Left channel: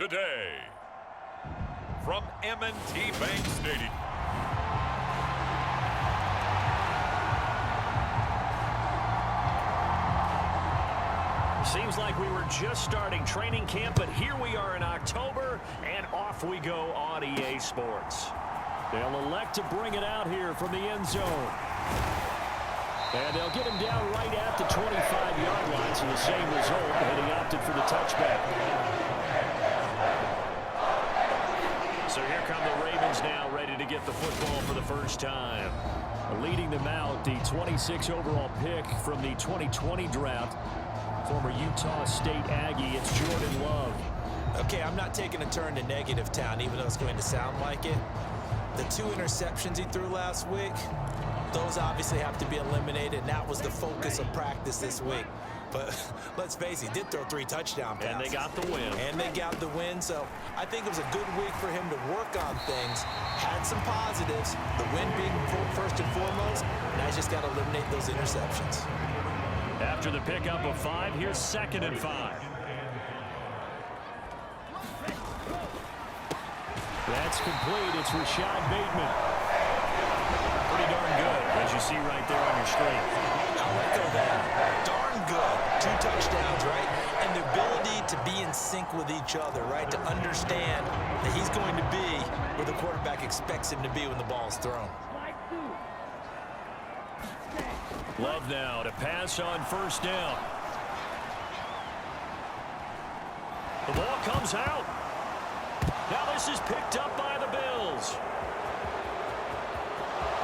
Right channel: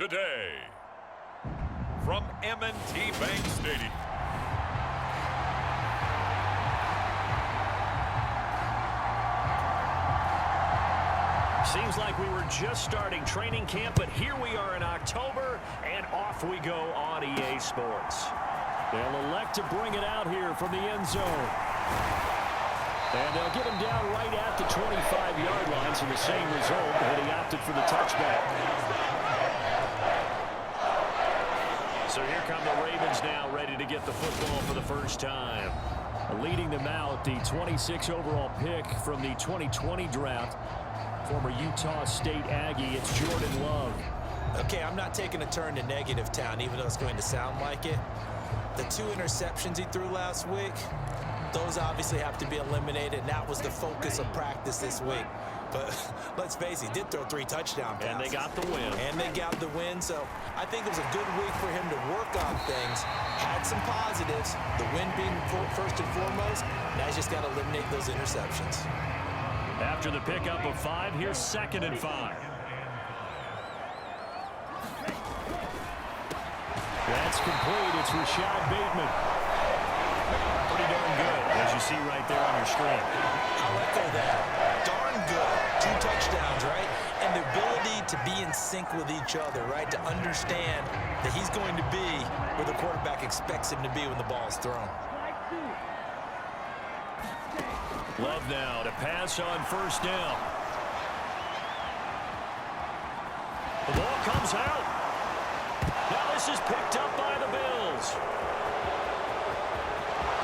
today. From M&T Bank Stadium. Seems like we were just starting training camp, but here we are in October, and off we go on EA Sports. They'll elect to bring it out here from the end zone. And they'll get him down right at the 25-yard line, so the same result, and he opted for the touchback. So here come the Ravens now, ready to get the football for the first time. Leading them out, the 26 overall pick from the 2020 draft, former Utah State Aggie, it's Jordan Love. Okay, I'm not taking a turn to negative town, even though it's going to sound like it. The 2 interceptions he threw last week, those obviously have to be eliminated, and that was the focus of practice this week. But let's face it, he did throw 3 touchdown passes. And they got the win. And they got the win, so I think it was a good week for him to work on things. Had some positives, the win being first and foremost. Now he's just got to eliminate those interceptions. After the pickup of 5, here's 2nd and 5. That's complete. It's Rashad Bateman. Pretty darn good, as you see right there on your screen. I'll echo that. Darn good. 2 touchdowns, right? And the ability to be in sync with each other, right? To understand that he's going to be where the quarterback expects him to be when the ball's thrown. Love now to pass on first down. The ball comes out. Now this is picked up by the Bills.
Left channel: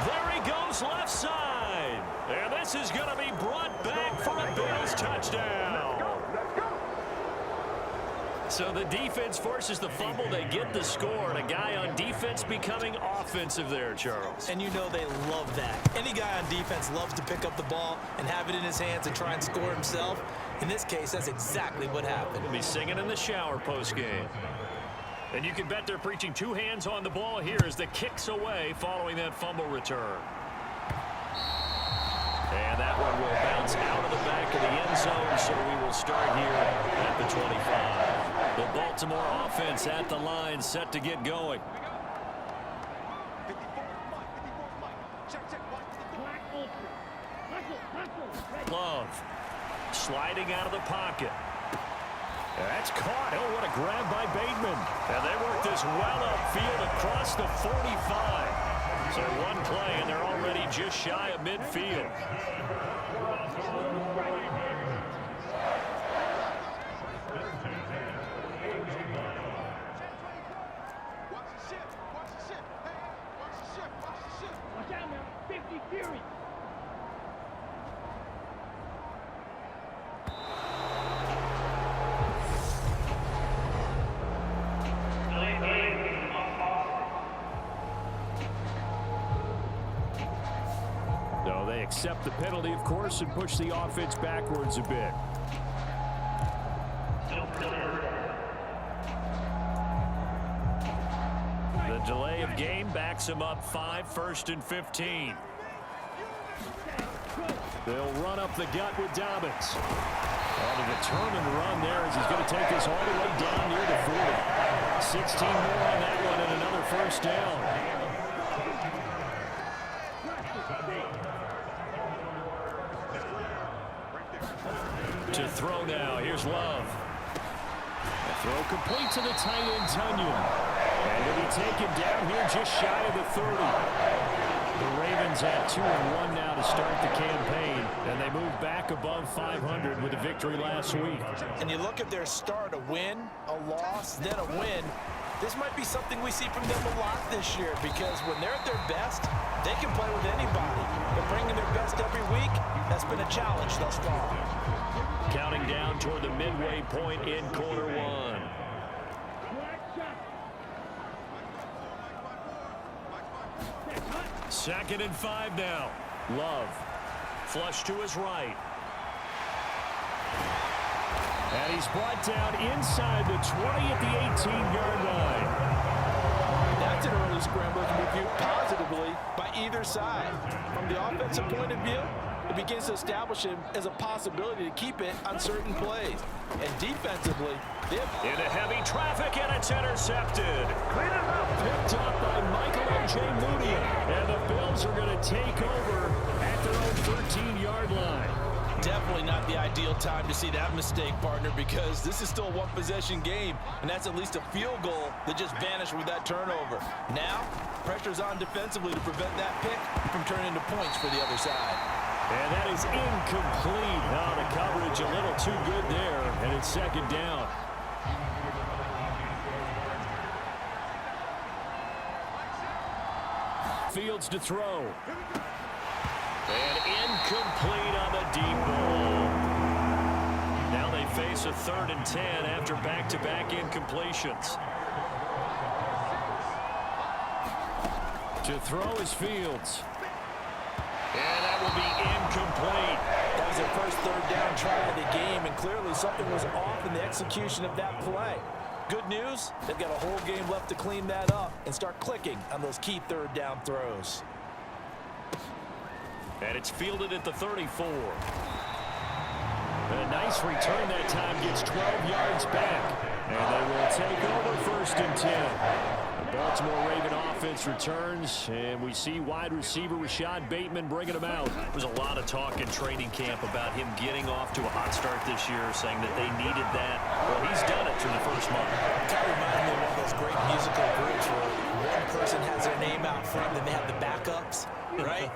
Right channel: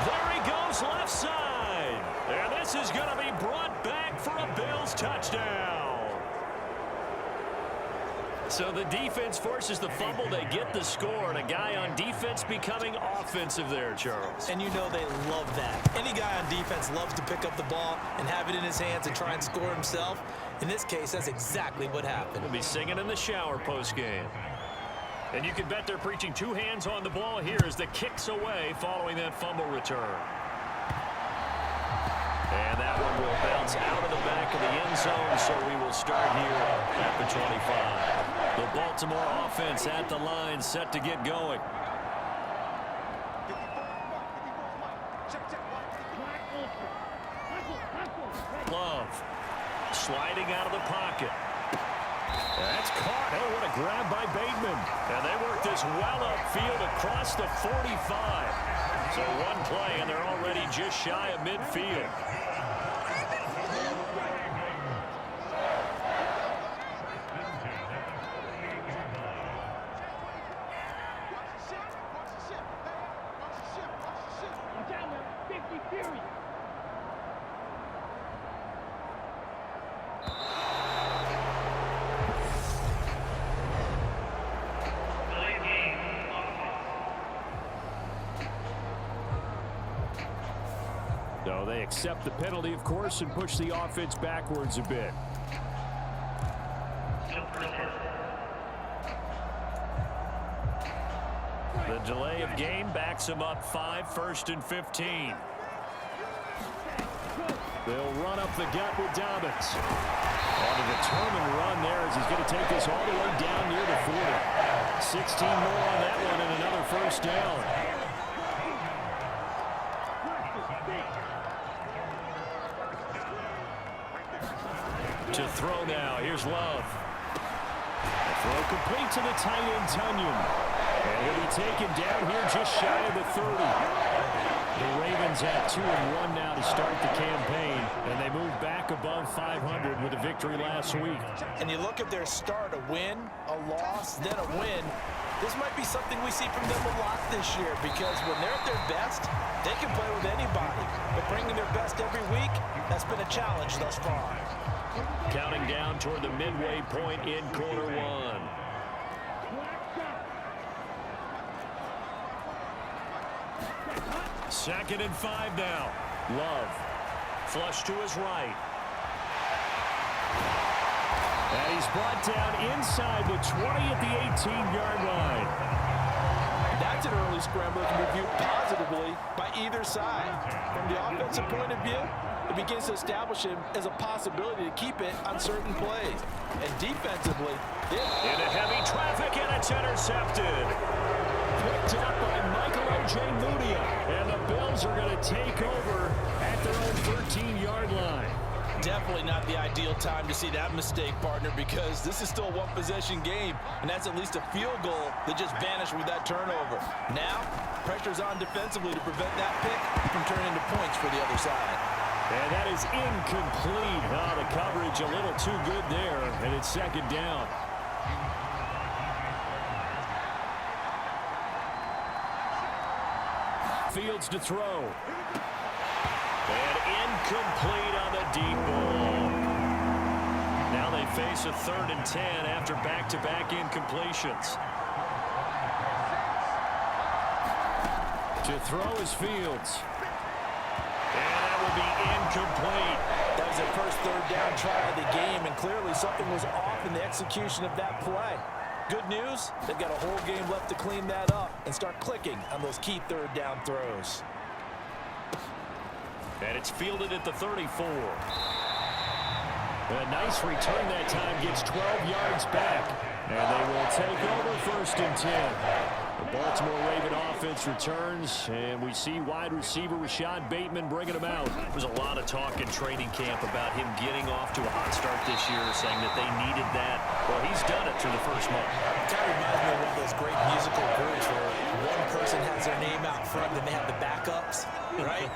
There he goes left side. And this is going to be brought back for a Bills touchdown. So the defense forces the fumble. They get the score. And a guy on defense becoming offensive there, Charles. And you know they love that. Any guy on defense loves to pick up the ball and have it in his hands and try and score himself. In this case, that's exactly what happened. He'll be singing in the shower postgame. And you can bet they're preaching 2 hands on the ball here as the kick's away following that fumble return. And that one will bounce out of the back of the end zone, so we will start here at the 25. The Baltimore offense at the line, set to get going. Love sliding out of the pocket. That's caught. Oh, what a grab by Bateman. And they work this well upfield across the 45. So one play, and they're already just shy of midfield. Watch out now, 50 Fury. So they accept the penalty, of course, and push the offense backwards a bit. The delay of game backs him up 5, 1st and 15. They'll run up the gut with Dobbins. On a determined run there as he's going to take this all the way down near the 40. 16 more on that one and another first down. To throw now, here's Love. The throw complete to the tight end, Tunyon. And he'll be taken down here just shy of the 30. The Ravens at 2-1 now to start the campaign, and they move back above 500 with a victory last week. And you look at their start, a win, a loss, then a win. This might be something we see from them a lot this year, because when they're at their best, they can play with anybody. But bringing their best every week, that's been a challenge thus far. Counting down toward the midway point in quarter 1. 2nd and 5 now. Love. Flush to his right. And he's brought down inside the 20 at the 18-yard line. That's an early scramble that can be viewed positively by either side. From the offensive point of view, it begins to establish him as a possibility to keep it on certain plays. And defensively, into heavy traffic, and it's intercepted. Picked up by Michael Ojemudia. And the Bills are going to take over at their own 13-yard line. definitely not the ideal time to see that mistake, partner, because this is still a one-possession game, and that's at least a field goal that just vanished with that turnover. Now, pressure's on defensively to prevent that pick from turning into points for the other side. And that is incomplete. Oh, the coverage a little too good there, and it's second down. Fields to throw. And incomplete on the deep ball. Now they face a 3rd and 10 after back-to-back incompletions. To throw is Fields. And that will be incomplete. That was their first 3rd down try of the game, and clearly something was off in the execution of that play. Good news, they've got a whole game left to clean that up and start clicking on those key 3rd down throws. And it's fielded at the 34. A nice return that time, gets 12 yards back. And they will take over 1st and 10. The Baltimore Raven offense returns, and we see wide receiver Rashad Bateman bringing him out. There's a lot of talk in training camp about him getting off to a hot start this year, saying that they needed that. Well, he's done it through the first month. Kind of reminds me of one of those great musical groups where one person has their name out front, then they have the backups, right?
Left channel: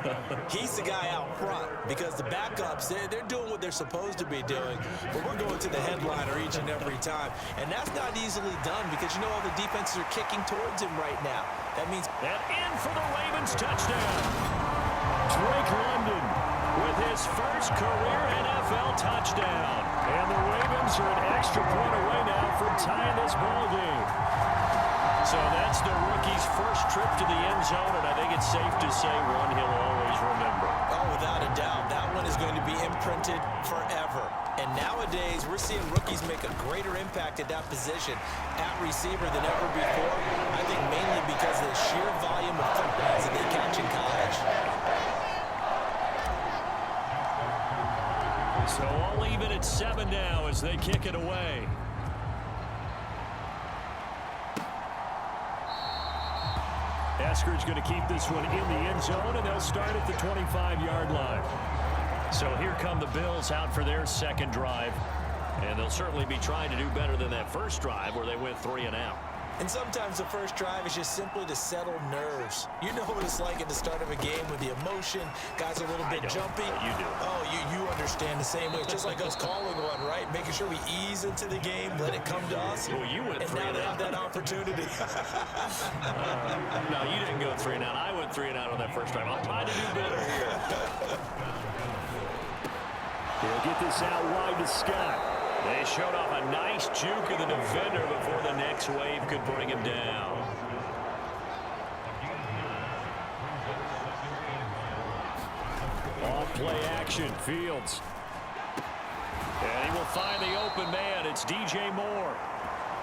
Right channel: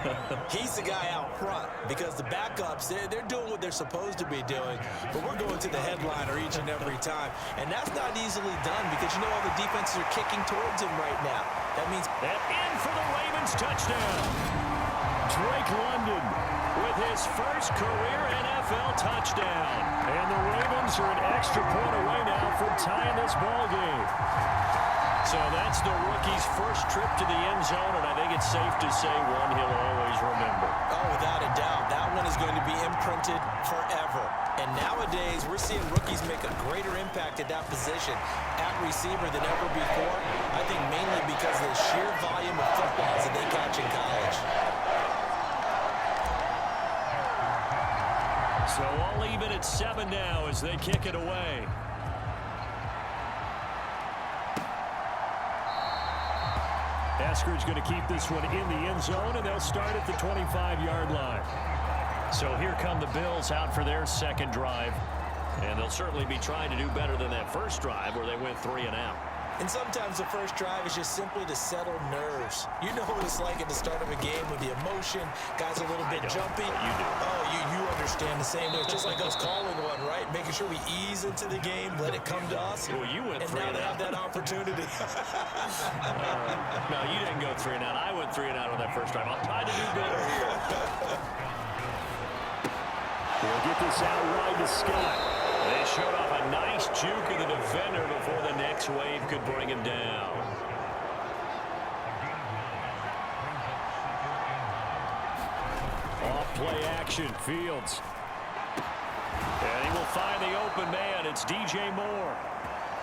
He's the guy out front because the backups, they're doing what they're supposed to be doing, but we're going to the headliner each and every time. And that's not easily done because, you know, all the defenses are kicking towards him right now. That means... And in for the Ravens touchdown. Drake London with his first career NFL touchdown. And the Ravens are an extra point away now from tying this ball game. So that's the rookie's first trip to the end zone, and I think it's safe to say one he'll always remember. Oh, without a doubt. That one is going to be imprinted forever. And nowadays, we're seeing rookies make a greater impact at that position at receiver than ever before. I think mainly because of the sheer volume of footballs that they catch in college. So all even at 7 now as they kick it away. Eskridge going to keep this one in the end zone, and they'll start at the 25-yard line. So here come the Bills out for their second drive. And they'll certainly be trying to do better than that first drive where they went 3 and out. And sometimes the first drive is just simply to settle nerves. You know what it's like at the start of a game with the emotion. Guys a little bit jumpy. You do. Oh, you understand the same way. It's just like us calling one, right? Making sure we ease into the game, let it come to us. Well, you went 3 and now and they out. have that opportunity. No, you didn't go 3 and out. I went 3 and out on that first drive. I'll try to do better here. He'll get this out wide to Scott. They showed off a nice juke of the defender before the next wave could bring him down. Off play action, Fields. And he will find the open man. It's DJ Moore.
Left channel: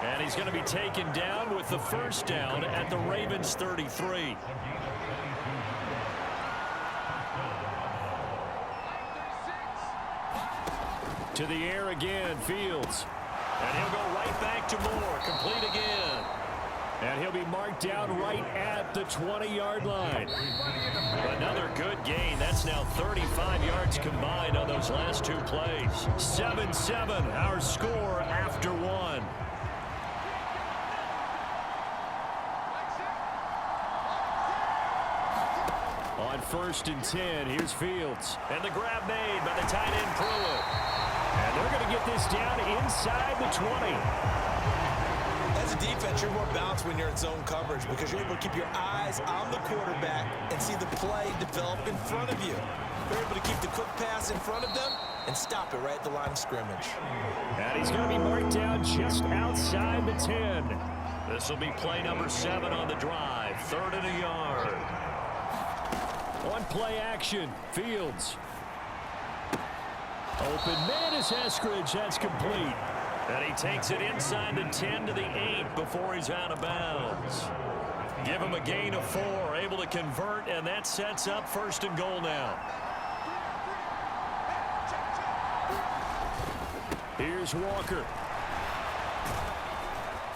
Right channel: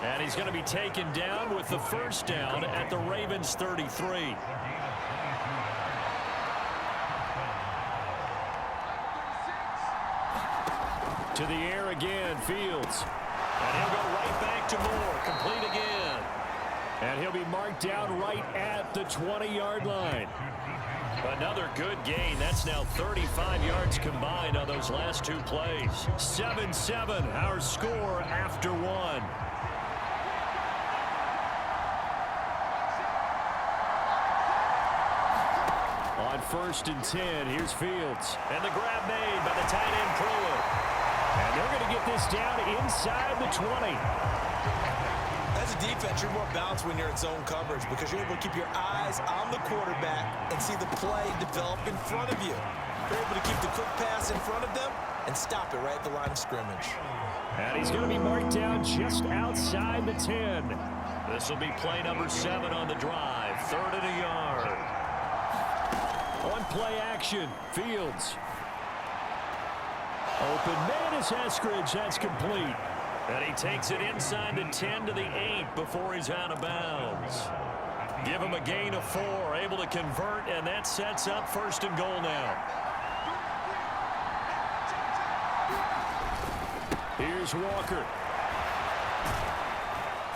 And he's going to be taken down with the first down at the Ravens 33. To the air again, Fields. And he'll go right back to Moore. Complete again. And he'll be marked down right at the 20-yard line. Another good gain. That's now 35 yards combined on those last 2 plays. 7-7, our score after 1. On 1st and 10, here's Fields. And the grab made by the tight end Pruitt. And they're going to get this down inside the 20. As a defense, you're more balanced when you're in zone coverage because you're able to keep your eyes on the quarterback and see the play develop in front of you. You're able to keep the quick pass in front of them and stop it right at the line of scrimmage. And he's going to be marked down just outside the 10. This will be play number 7 on the drive. 3rd and a yard. On play action, Fields. Open man is Eskridge. That's complete. And he takes it inside the 10 to the 8 before he's out of bounds. Give him a gain of 4. Able to convert, and that sets up 1st and goal now. Here's Walker.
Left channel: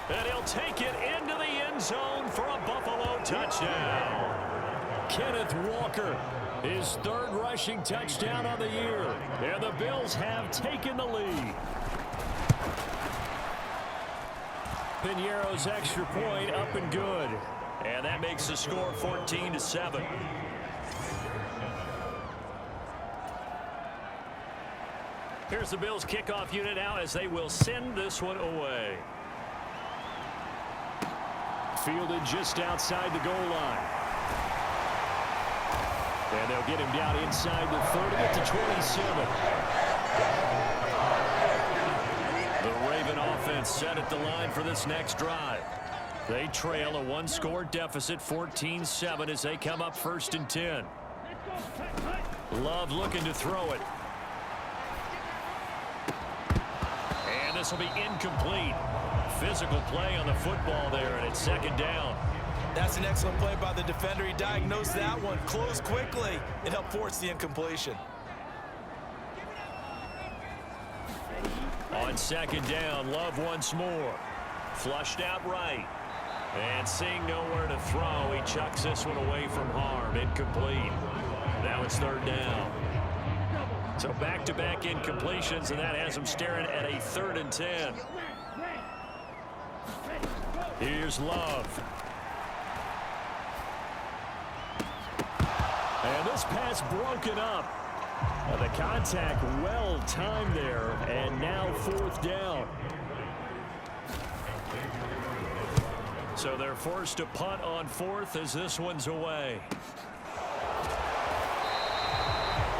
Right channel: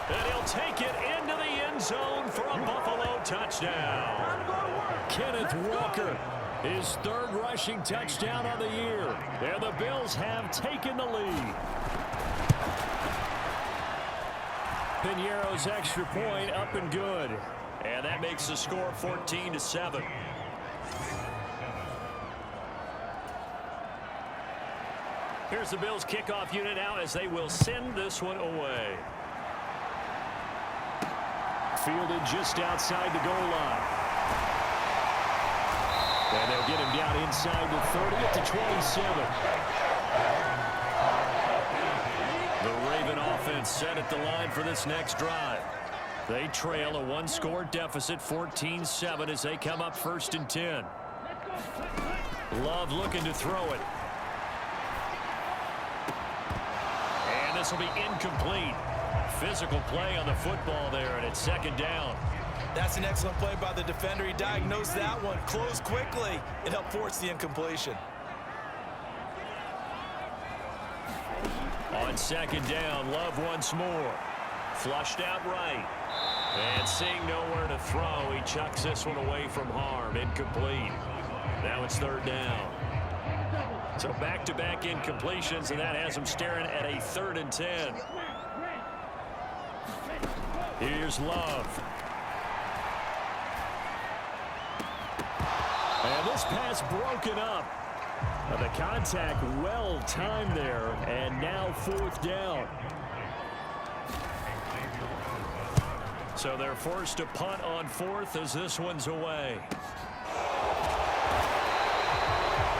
And he'll take it into the end zone for a Buffalo touchdown. Kenneth Walker, his third rushing touchdown of the year. And the Bills have taken the lead. Piñeiro's extra point up and good. And that makes the score 14-7. Here's the Bills kickoff unit now as they will send this one away. Fielded just outside the goal line. And they'll get him down inside the 30 at the 27. The Raven offense set at the line for this next drive. They trail a one-score deficit, 14-7, as they come up 1st and 10. Love looking to throw it. And this will be incomplete. Physical play on the football there, and it's 2nd down. That's an excellent play by the defender. He diagnosed that one, closed quickly, and helped force the incompletion. On 2nd down, Love once more. Flushed out right. And seeing nowhere to throw, he chucks this one away from harm. Incomplete. Now it's 3rd down. So back-to-back incompletions, and that has him staring at a 3rd and 10. Here's Love. And this pass broken up. The contact well timed there, and now 4th down. So they're forced to punt on 4th as this one's away.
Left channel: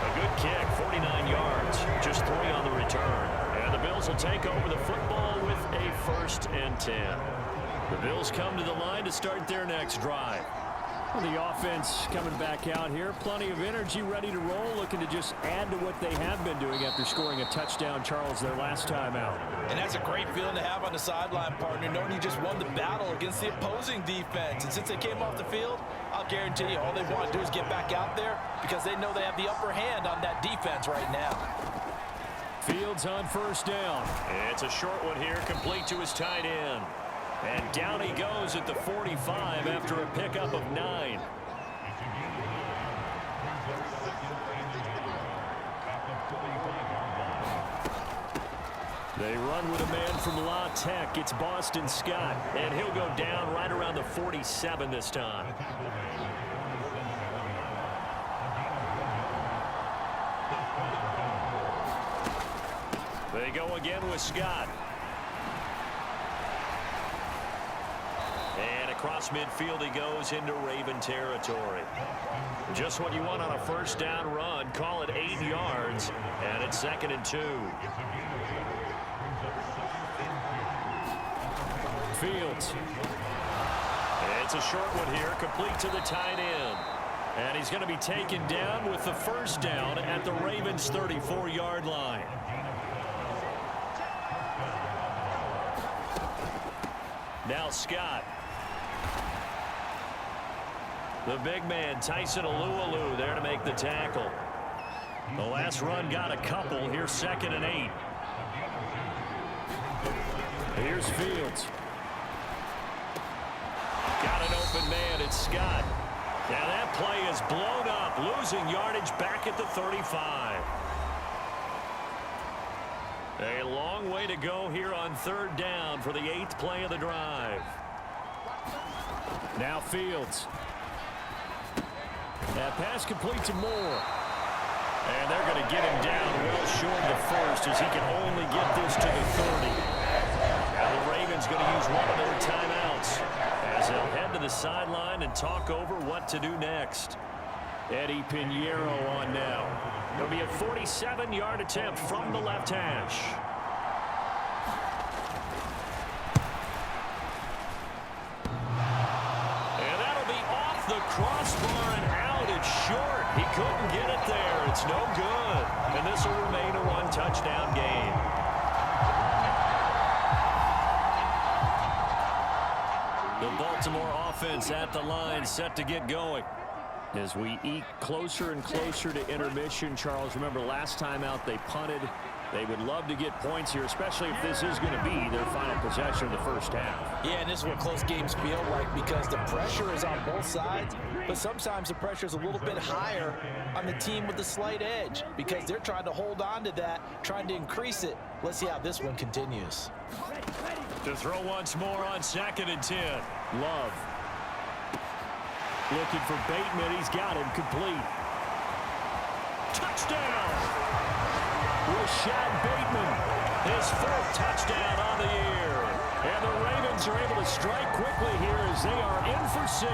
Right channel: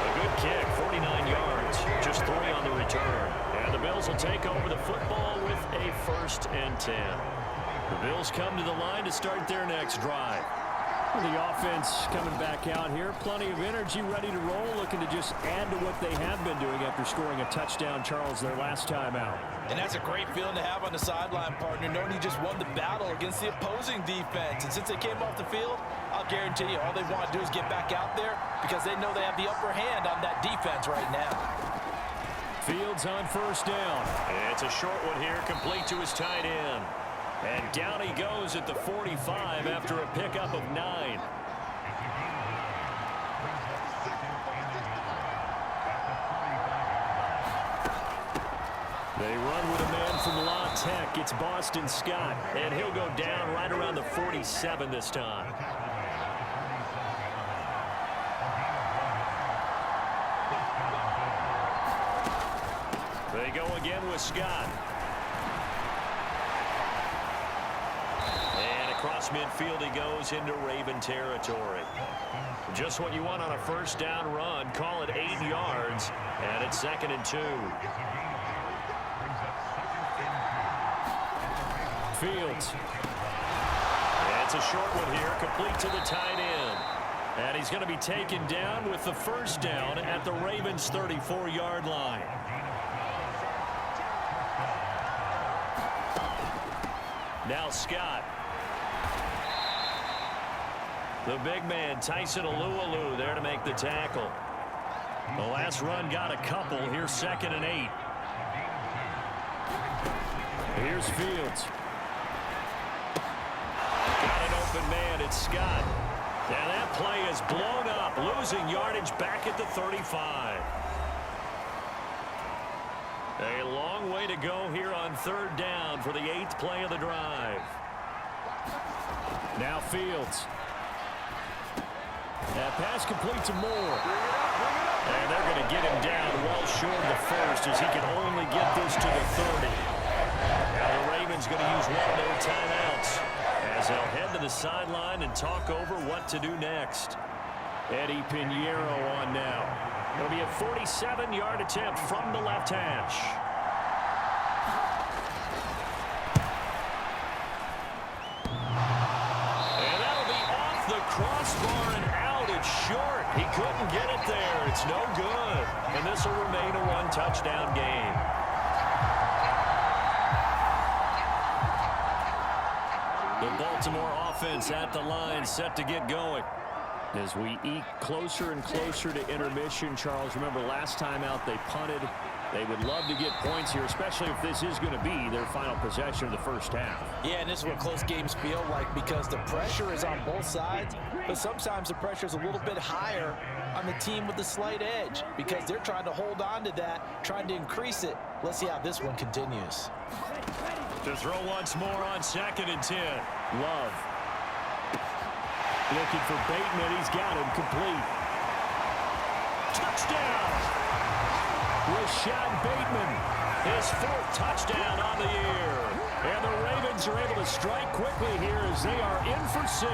A good kick, 49 yards, just 3 on the return. And the Bills will take over the football with a 1st and 10. The Bills come to the line to start their next drive. The offense coming back out here. Plenty of energy, ready to roll, looking to just add to what they have been doing after scoring a touchdown, Charles, their last time out. And that's a great feeling to have on the sideline, partner, knowing you just won the battle against the opposing defense. And since they came off the field, I'll guarantee you all they want to do is get back out there because they know they have the upper hand on that defense right now. Fields on 1st down. It's a short one here, complete to his tight end. And down he goes at the 45 after a pickup of 9. They run with a man from La Tech. It's Boston Scott, and he'll go down right around the 47 this time. They go again with Scott. And across midfield he goes into Raven territory. Just what you want on a 1st down run. Call it 8 yards, and it's 2nd and 2. Fields. It's a short one here, complete to the tight end. And he's going to be taken down with the 1st down at the Ravens' 34-yard line. Now Scott. The big man, Tyson Alualu, there to make the tackle. The last run got a couple. Here's 2nd and 8. Here's Fields. Got an open man. It's Scott. And that play is blown up, losing yardage back at the 35. A long way to go here on 3rd down for the 8th play of the drive. Now Fields. That pass complete to Moore. And they're going to get him down well short of the 1st as he can only get this to the 30. Now the Ravens going to use one of their timeouts as they'll head to the sideline and talk over what to do next. Eddie Piñeiro on now. It'll be a 47-yard attempt from the left hash. And that'll be off the crossbar and out. It's short. He couldn't get it there. It's no good. And this will remain a one-touchdown game. The Baltimore offense at the line, set to get going. As we eke closer and closer to intermission, Charles, remember last time out they punted. They would love to get points here, especially if this is going to be their final possession of the first half. Yeah, and this is what close games feel like because the pressure is on both sides, but sometimes the pressure is a little bit higher on the team with the slight edge because they're trying to hold on to that, trying to increase it. Let's see how this one continues. To throw once more on 2nd and 10. Love. Looking for Bateman. He's got him complete. Touchdown! Rashad Bateman, his 4th touchdown on the year. And the Ravens are able to strike quickly here as they are in for 6.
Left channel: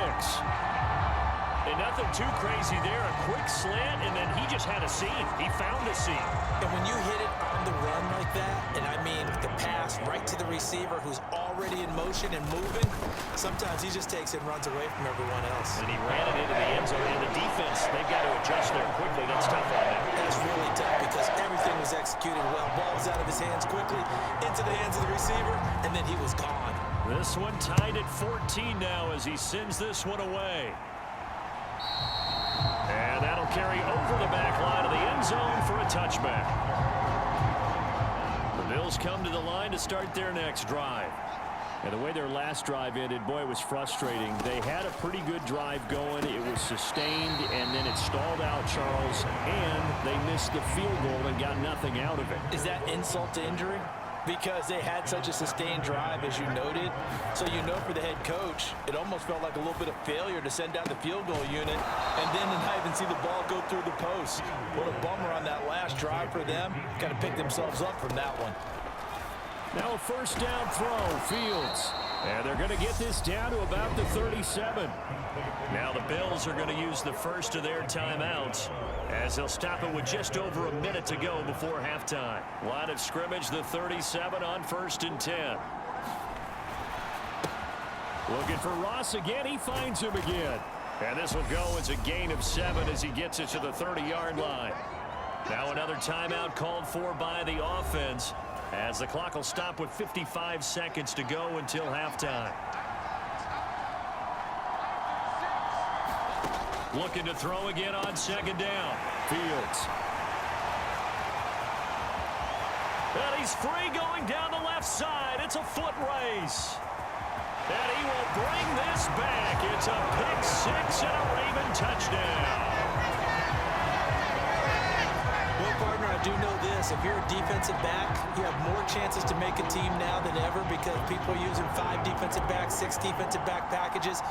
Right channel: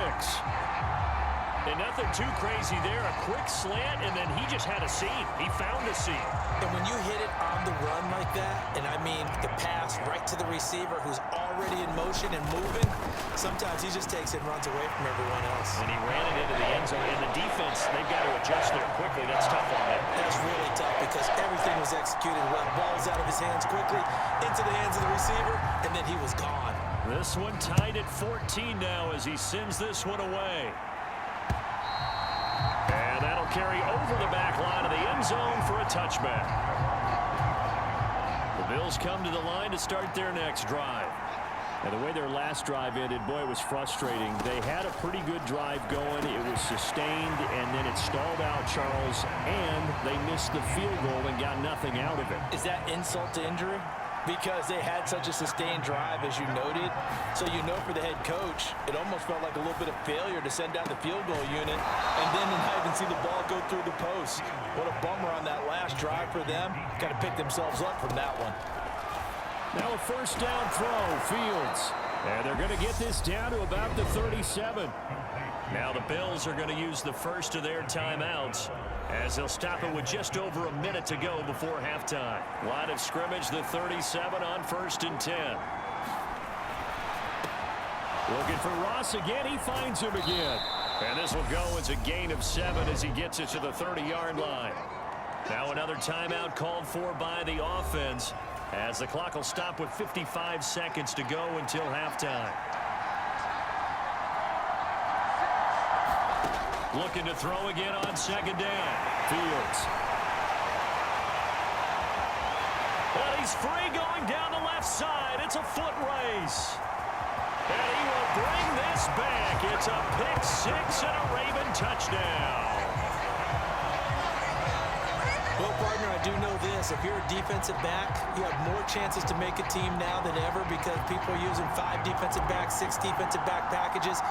And nothing too crazy there. A quick slant, and then he just had a seam. He found a seam. And when you hit it on the run like that, and I mean the pass right to the receiver who's already in motion and moving, sometimes he just takes it and runs away from everyone else. And he ran it into the end zone. And the defense, they've got to adjust there quickly. That's tough on them. That's really tough because everything was executed well. Ball was out of his hands quickly, into the hands of the receiver, and then he was gone. This one tied at 14 now as he sends this one away. And that'll carry over the back line of the end zone for a touchback. The Bills come to the line to start their next drive. And the way their last drive ended, boy, it was frustrating. They had a pretty good drive going. It was sustained, and then it stalled out, Charles, and they missed the field goal and got nothing out of it. Is that insult to injury? Because they had such a sustained drive, as you noted. So you know for the head coach, it almost felt like a little bit of failure to send out the field goal unit and then to not even see the ball go through the post. What a bummer on that last drive for them. Got to pick themselves up from that one. Now a first down throw, Fields. And they're going to get this down to about the 37. Now the Bills are going to use the first of their timeouts as they'll stop it with just over a minute to go before halftime. Line of scrimmage, the 37 on 1st and 10. Looking for Ross again. He finds him again. And this will go as a gain of 7 as he gets it to the 30-yard line. Now another timeout called for by the offense as the clock will stop with 55 seconds to go until halftime. Looking to throw again on 2nd down. Fields. And he's free going down the left side. It's a foot race. And he will bring this back. It's a pick 6 and a Raven touchdown. Well, partner, I do know this. If you're a defensive back, you have more chances to make a team now than ever because people are using 5 defensive backs, 6 defensive back packages.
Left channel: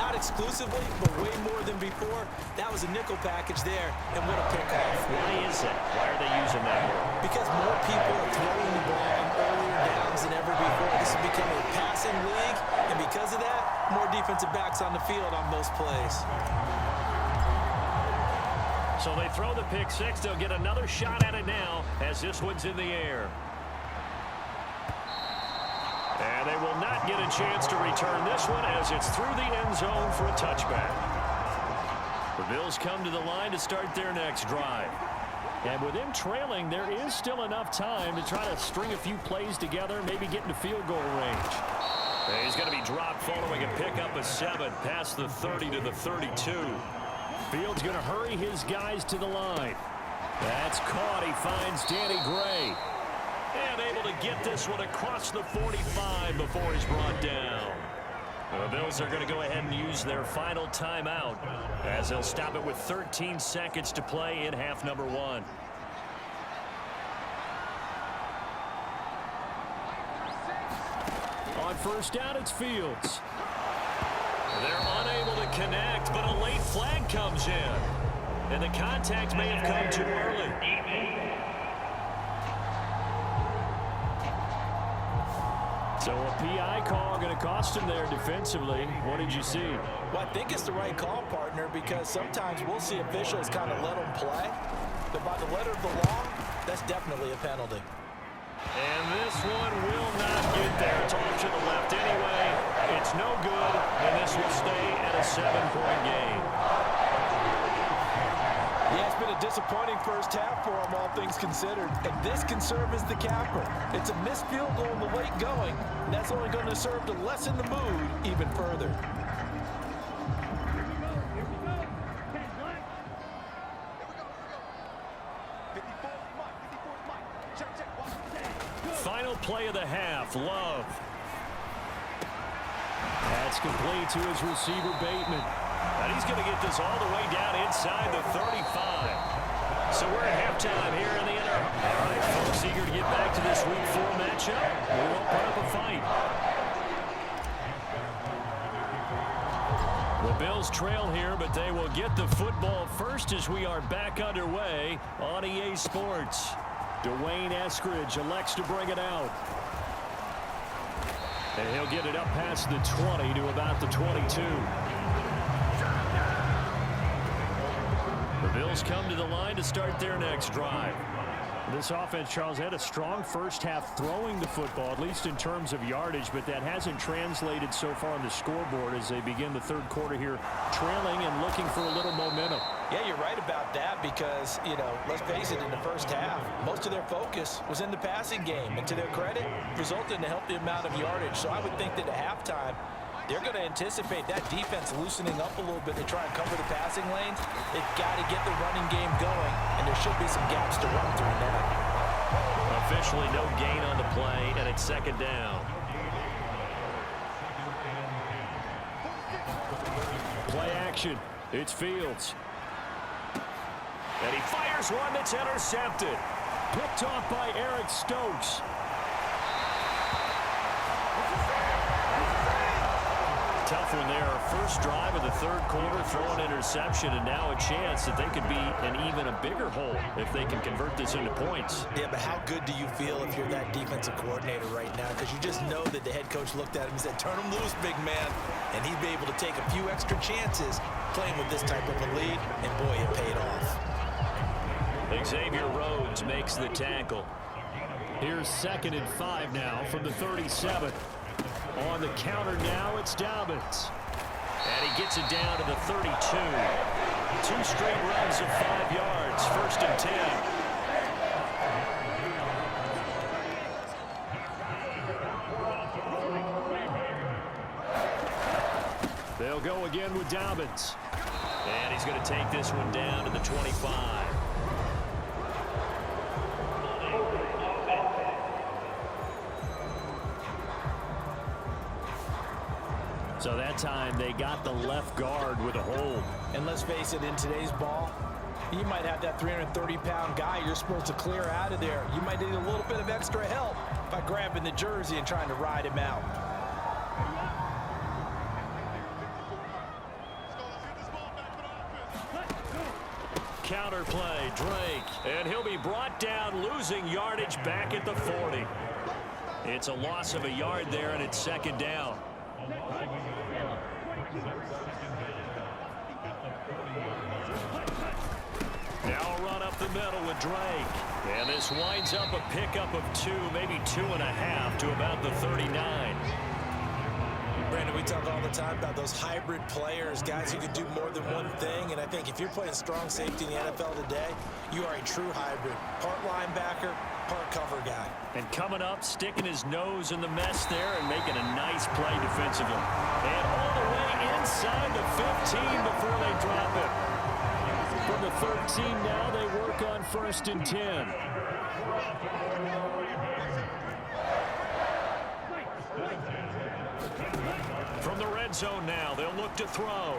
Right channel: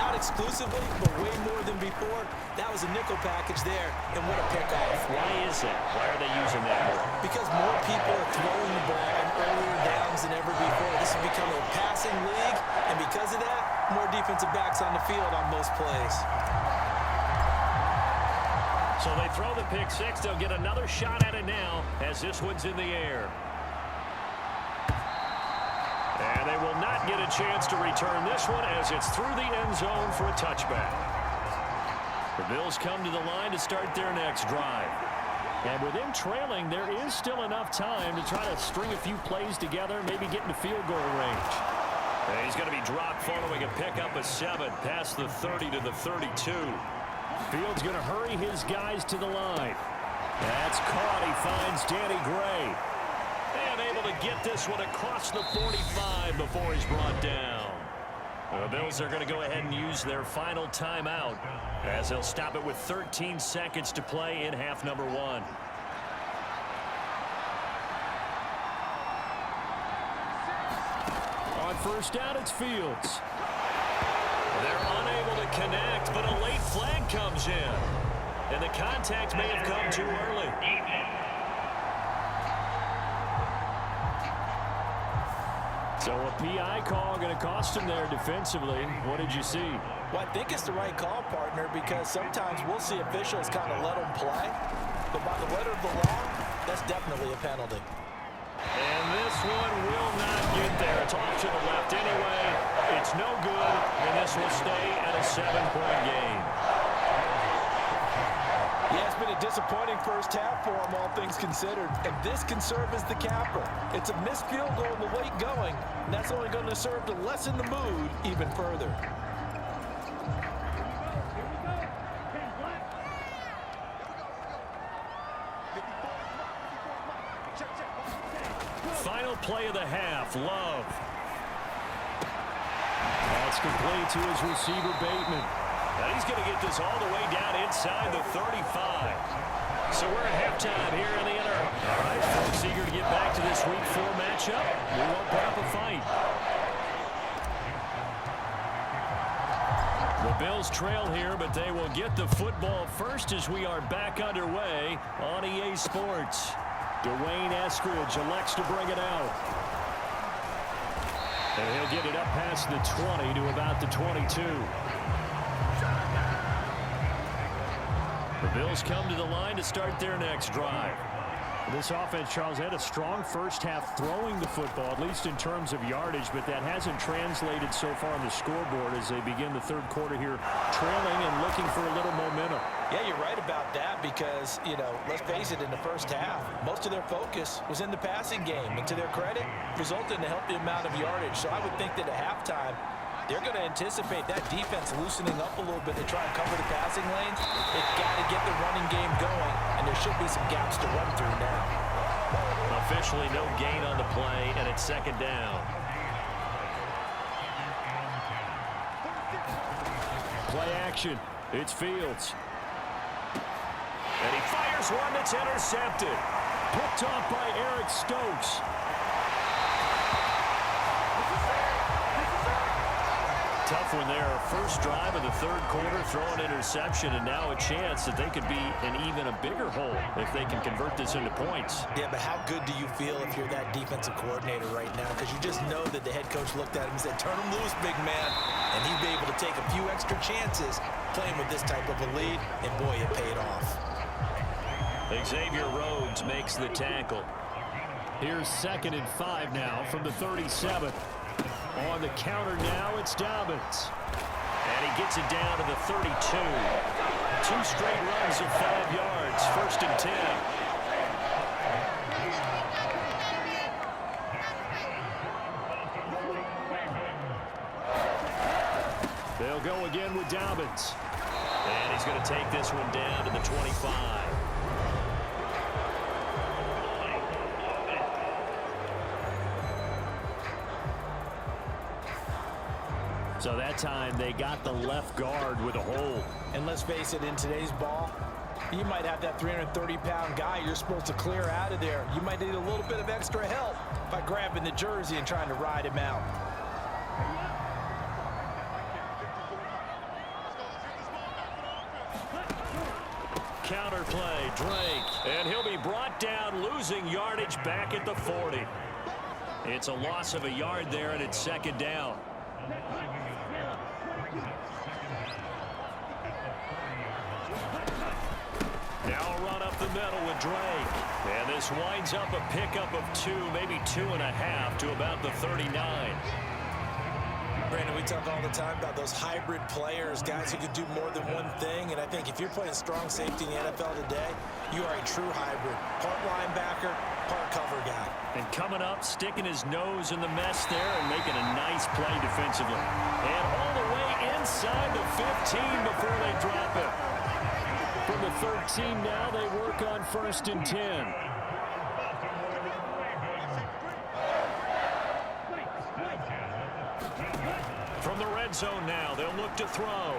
Not exclusively, but way more than before. That was a nickel package there, and what a pickoff. Why is that? Why are they using that more? Because more people are throwing the ball on earlier downs than ever before. This has become a passing league, and because of that, more defensive backs on the field on most plays. So they throw the pick 6. They'll get another shot at it now as this one's in the air. And they will not get a chance to return this one as it's through the end zone for a touchback. The Bills come to the line to start their next drive. And with them trailing, there is still enough time to try to string a few plays together, maybe get into field goal range. And he's going to be dropped following a pickup of 7 past the 30 to the 32. Fields going to hurry his guys to the line. That's caught. He finds Danny Gray. And able to get this one across the 45 before he's brought down. The Bills are going to go ahead and use their final timeout as they'll stop it with 13 seconds to play in half number 1. On first down, it's Fields. They're unable to connect, but a late flag comes in. And the contact may have come too early. So a PI call going to cost him there defensively. What did you see? Well, I think it's the right call, partner, because sometimes we'll see officials kind of let them play. But by the letter of the law, that's definitely a penalty. And this one will not get there. It's off to the left anyway. It's no good, and this will stay at a 7-point game. Yeah, it's been a disappointing first half for them, all things considered. And this can serve as the capper. It's a missed field goal in the late going, and that's only going to serve to lessen the mood even further. Here we go. 10 black. Here we go. 54 is Mike. 54 is Mike. Final play of the half, Love. That's complete to his receiver, Bateman. And he's going to get this all the way down inside the 35. So we're at halftime here in the inner. All right, folks, eager to get back to this Week 4 matchup. We won't put up a fight. The Bills trail here, but they will get the football first as we are back underway on EA Sports. Dwayne Eskridge elects to bring it out. And he'll get it up past the 20 to about the 22. The Bills come to the line to start their next drive. This offense, Charles, had a strong first half throwing the football, at least in terms of yardage, but that hasn't translated so far on the scoreboard as they begin the third quarter here, trailing and looking for a little momentum. Yeah, you're right about that because, you know, let's face it, in the first half, most of their focus was in the passing game. And to their credit, resulted in a healthy amount of yardage. So I would think that at halftime, they're going to anticipate that defense loosening up a little bit to try and cover the passing lanes. They've got to get the running game going, and there should be some gaps to run through now. Officially no gain on the play, and it's second down. Play action. It's Fields. And he fires one that's intercepted. Picked off by Eric Stokes. Tough one there. First drive of the third quarter, throw an interception, and now a chance that they could be in even a bigger hole if they can convert this into points. Yeah, but how good do you feel if you're that defensive coordinator right now? Because you just know that the head coach looked at him and said, turn him loose, big man. And he'd be able to take a few extra chances playing with this type of a lead, and boy, it paid off. Xavier Rhodes makes the tackle. Here's 2nd and 5 now from the 37. On the counter now, it's Dobbins. And he gets it down to the 32. 2 straight runs of 5 yards, 1st and 10. They'll go again with Dobbins. And he's going to take this one down to the 25. So that time they got the left guard with a hold. And let's face it, in today's ball, you might have that 330-pound guy you're supposed to clear out of there. You might need a little bit of extra help by grabbing the jersey and trying to ride him out. Counter play, Drake. And he'll be brought down, losing yardage back at the 40. It's a loss of a yard there, and it's 2nd down. Now a run up the middle with Drake. And this winds up a pickup of 2, maybe 2.5 to about the 39. Brandon, we talk all the time about those hybrid players, guys who can do more than one thing. And I think if you're playing strong safety in the NFL today, you are a true hybrid. Part linebacker, part cover guy. And coming up, sticking his nose in the mess there and making a nice play defensively. And all the way inside the 15 before they drop it. From the 13 now, they work on 1st and 10. From the red zone now, they'll look to throw.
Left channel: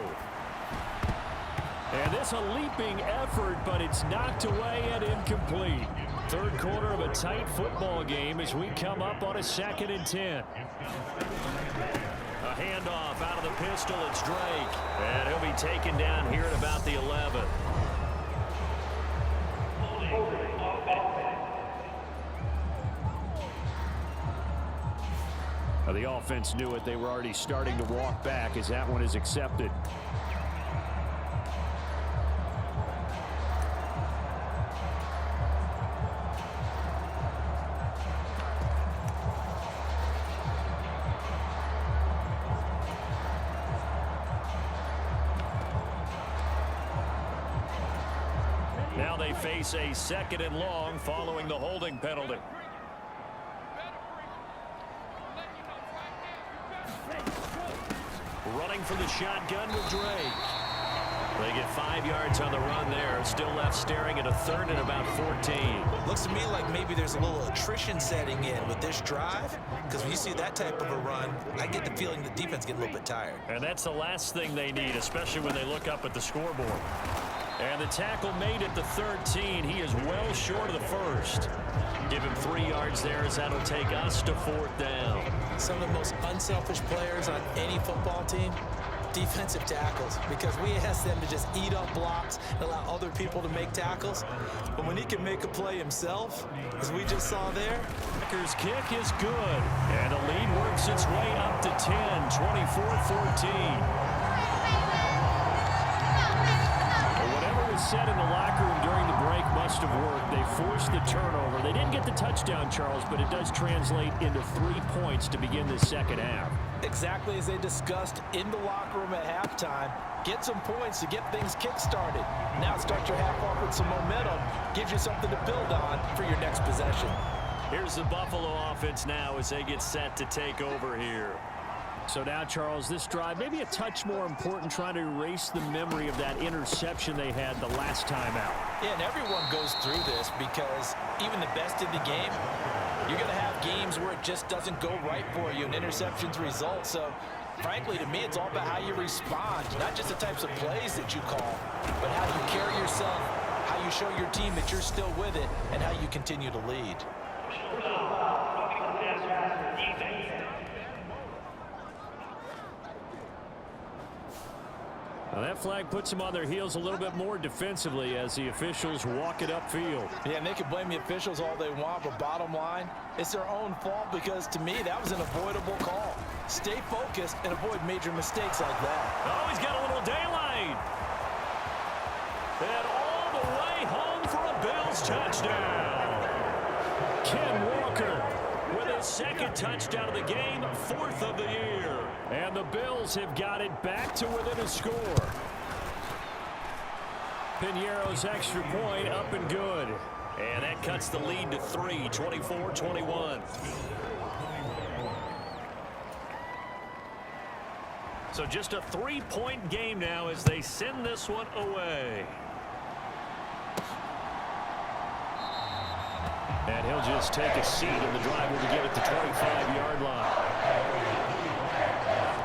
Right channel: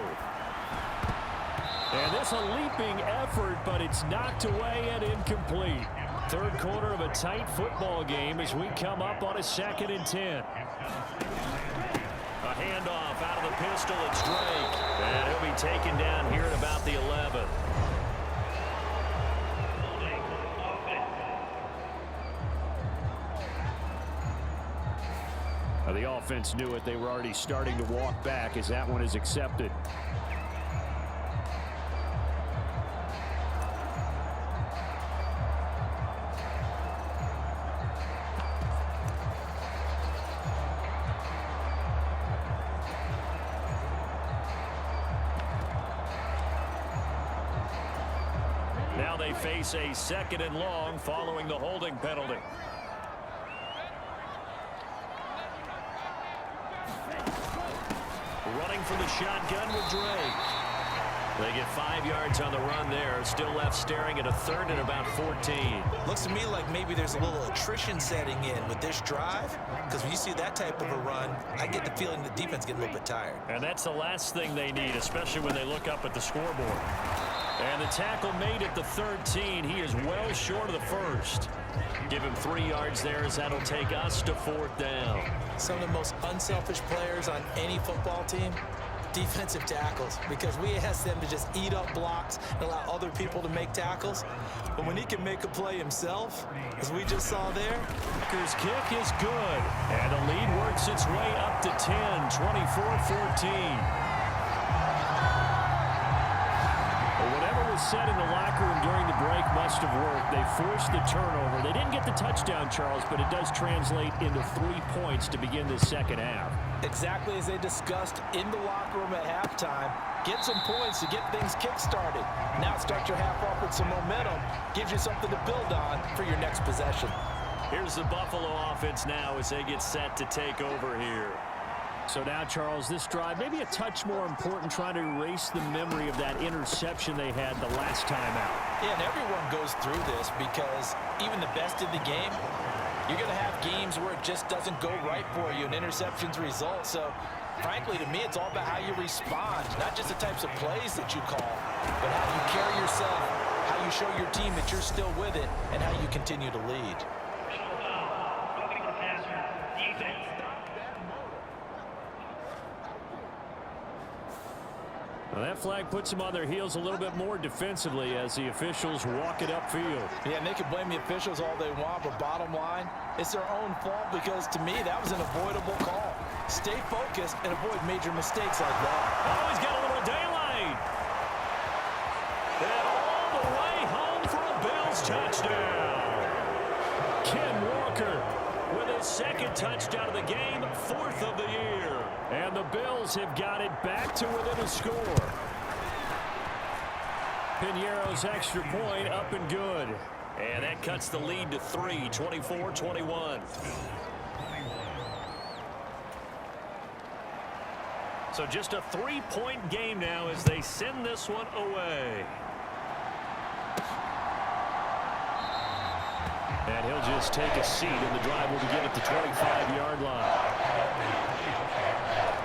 And this a leaping effort, but it's knocked away and incomplete. Third quarter of a tight football game as we come up on a 2nd and 10. A handoff out of the pistol, it's Drake. And he'll be taken down here at about the 11. Now the offense knew it. They were already starting to walk back as that one is accepted. Now they face a 2nd and long following the holding penalty. Running for the shotgun with Drake. They get 5 yards on the run there. Still left staring at a 3rd and about 14. Looks to me like maybe there's a little attrition setting in with this drive, because when you see that type of a run, I get the feeling the defense getting a little bit tired. And that's the last thing they need, especially when they look up at the scoreboard. And the tackle made at the 13. He is well short of the first. Give him 3 yards there as that'll take us to 4th down. Some of the most unselfish players on any football team, defensive tackles, because we ask them to just eat up blocks and allow other people to make tackles. But when he can make a play himself, as we just saw there. Packers kick is good. And the lead works its way up to 10, 24-14. Whatever was said in the locker room during the break must have worked. They forced the turnover. They didn't get the touchdown, Charles, but it does translate into 3 points to begin this second half. Exactly as they discussed in the locker room at halftime. Get some points to get things kick-started. Now start your half off with some momentum. Gives you something to build on for your next possession. Here's the Buffalo offense now as they get set to take over here. So now, Charles, this drive maybe a touch more important, trying to erase the memory of that interception they had the last time out. Yeah, and everyone goes through this because even the best in the game, you're going to have games where it just doesn't go right for you and interceptions result. So, frankly, to me, it's all about how you respond, not just the types of plays that you call, but how you carry yourself, how you show your team that you're still with it, and how you continue to lead. Well, that flag puts them on their heels a little bit more defensively as the officials walk it upfield. Yeah, and they can blame the officials all they want, but bottom line, it's their own fault because, to me, that was an avoidable call. Stay focused and avoid major mistakes like that. Oh, he's got a little daylight. And all the way home for a Bills touchdown. Ken Walker with his 2nd touchdown of the game, 4th of the year. And the Bills have got it back to within a score. Piñeiro's extra point up and good. And that cuts the lead to 3, 24-21. So just a 3-point game now as they send this one away. And he'll just take a seat, and the drive will begin at the 25-yard line.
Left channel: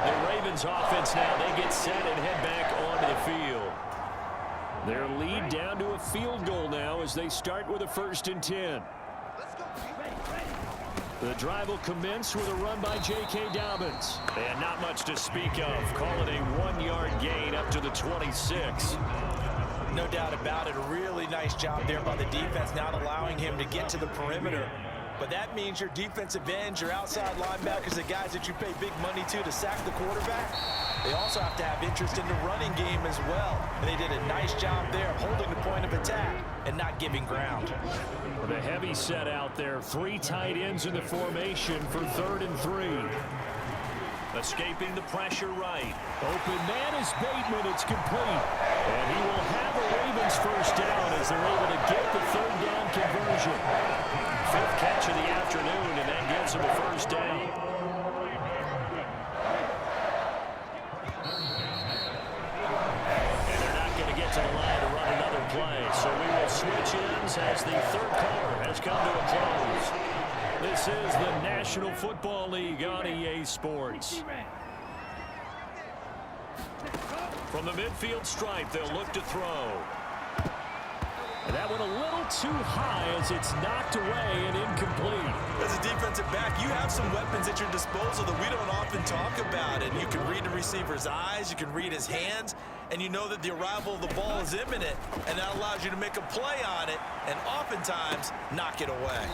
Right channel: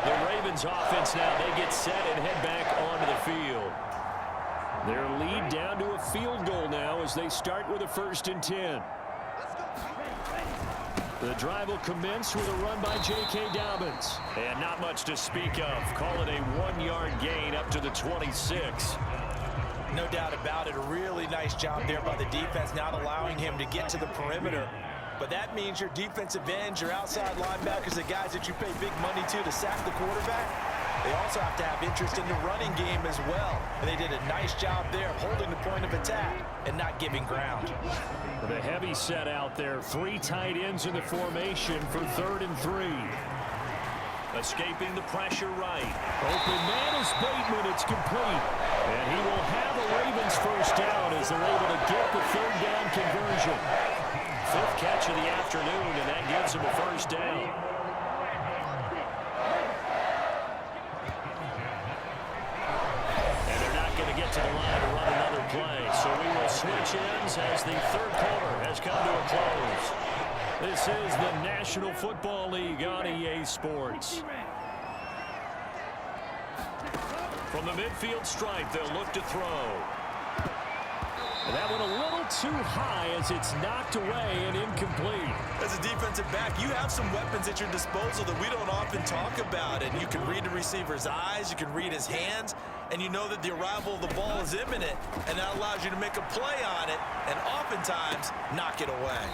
The Ravens offense now, they get set and head back onto the field. Their lead down to a field goal now as they start with a 1st and 10. The drive will commence with a run by J.K. Dobbins. And not much to speak of. Call it a 1-yard gain up to the 26. No doubt about it. A really nice job there by the defense, not allowing him to get to the perimeter. But that means your defensive ends, your outside linebackers, the guys that you pay big money to sack the quarterback, they also have to have interest in the running game as well. And they did a nice job there of holding the point of attack and not giving ground. The heavy set out there. 3 tight ends in the formation for 3rd and 3. Escaping the pressure right. Open man is Bateman. It's complete. And he will have a Ravens 1st down as they're able to get the 3rd down conversion. 5th catch of the afternoon, and that gives him a 1st down. And they're not going to get to the line to run another play. So we will switch ends as the 3rd quarter has come to a close. This is the National Football League on EA Sports. From the midfield stripe, they'll look to throw. And that went a little too high as it's knocked away and incomplete. As a defensive back, you have some weapons at your disposal that we don't often talk about. And you can read the receiver's eyes, you can read his hands, and you know that the arrival of the ball is imminent. And that allows you to make a play on it and oftentimes knock it away.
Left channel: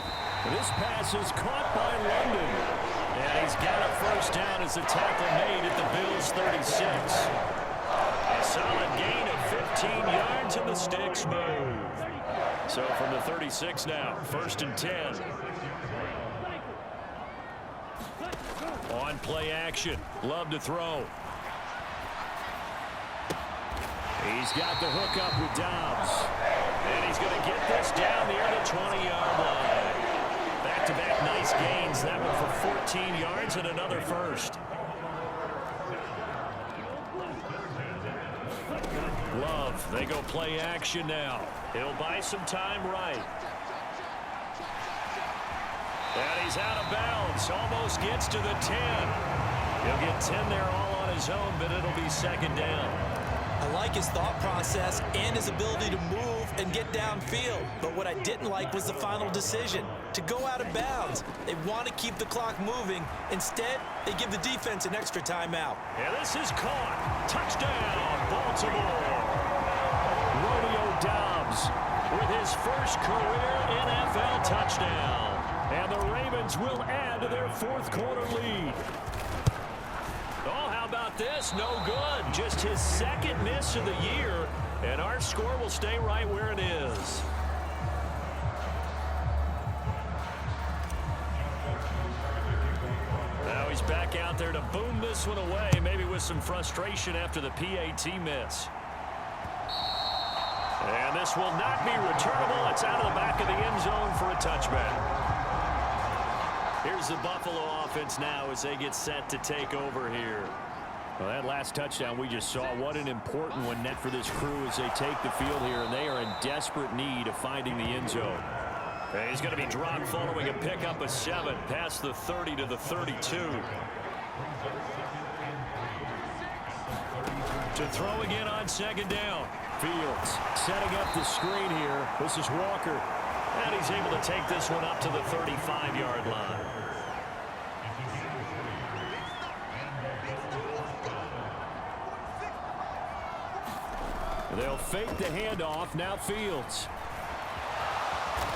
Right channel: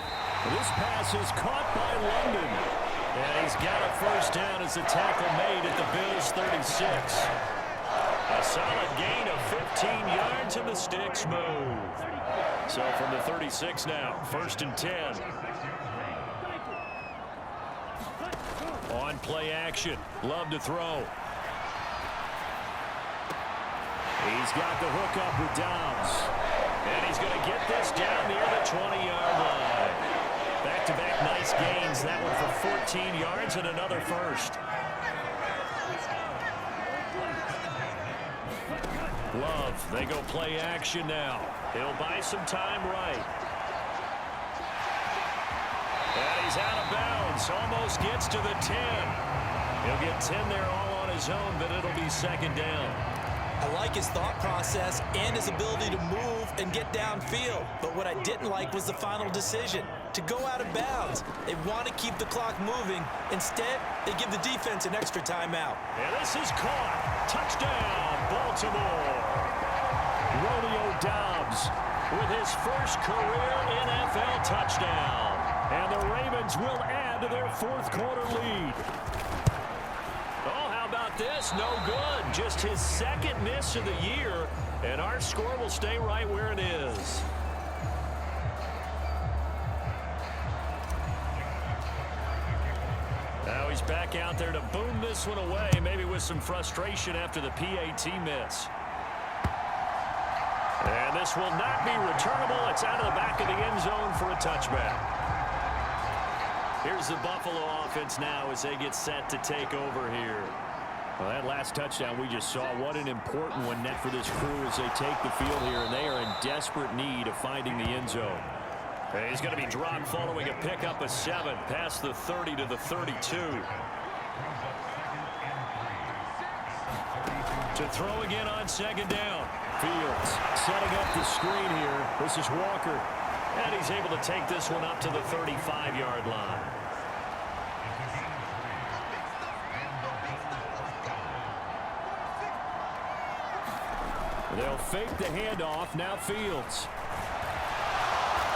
This pass is caught by London. And he's got a 1st down as the tackle made at the Bills' 36. A solid gain of 15 yards and the sticks move. So from the 36 now, 1st and 10. On play action, Love to throw. He's got the hook up with Dobbs. And he's going to get this down near the 20-yard line. Back-to-back nice gains. That one for 14 yards and another 1st. Love, they go play action now. He'll buy some time right. And he's out of bounds. Almost gets to the 10. He'll get 10 there all on his own, but it'll be second down. I like his thought process and his ability to move and get downfield. But what I didn't like was the final decision, to go out of bounds. They want to keep the clock moving. Instead, they give the defense an extra timeout. And this is caught. Touchdown, Baltimore. Romeo Doubs with his first career NFL touchdown. And the Ravens will add to their fourth quarter lead. Oh, how about this? No good. Just his second miss of the year. And our score will stay right where it is. Now he's back out there to boom this one away, maybe with some frustration after the PAT miss. And this will not be returnable. It's out of the back of the end zone for a touchback. Here's the Buffalo offense now as they get set to take over here. Well, that last touchdown we just saw, what an important one net for this crew as they take the field here, and they are in desperate need of finding the end zone. He's going to be dropped following a pickup of 7 past the 30 to the 32. To throw again on second down. Fields setting up the screen here. This is Walker. And he's able to take this one up to the 35-yard line. They'll fake the handoff. Now Fields.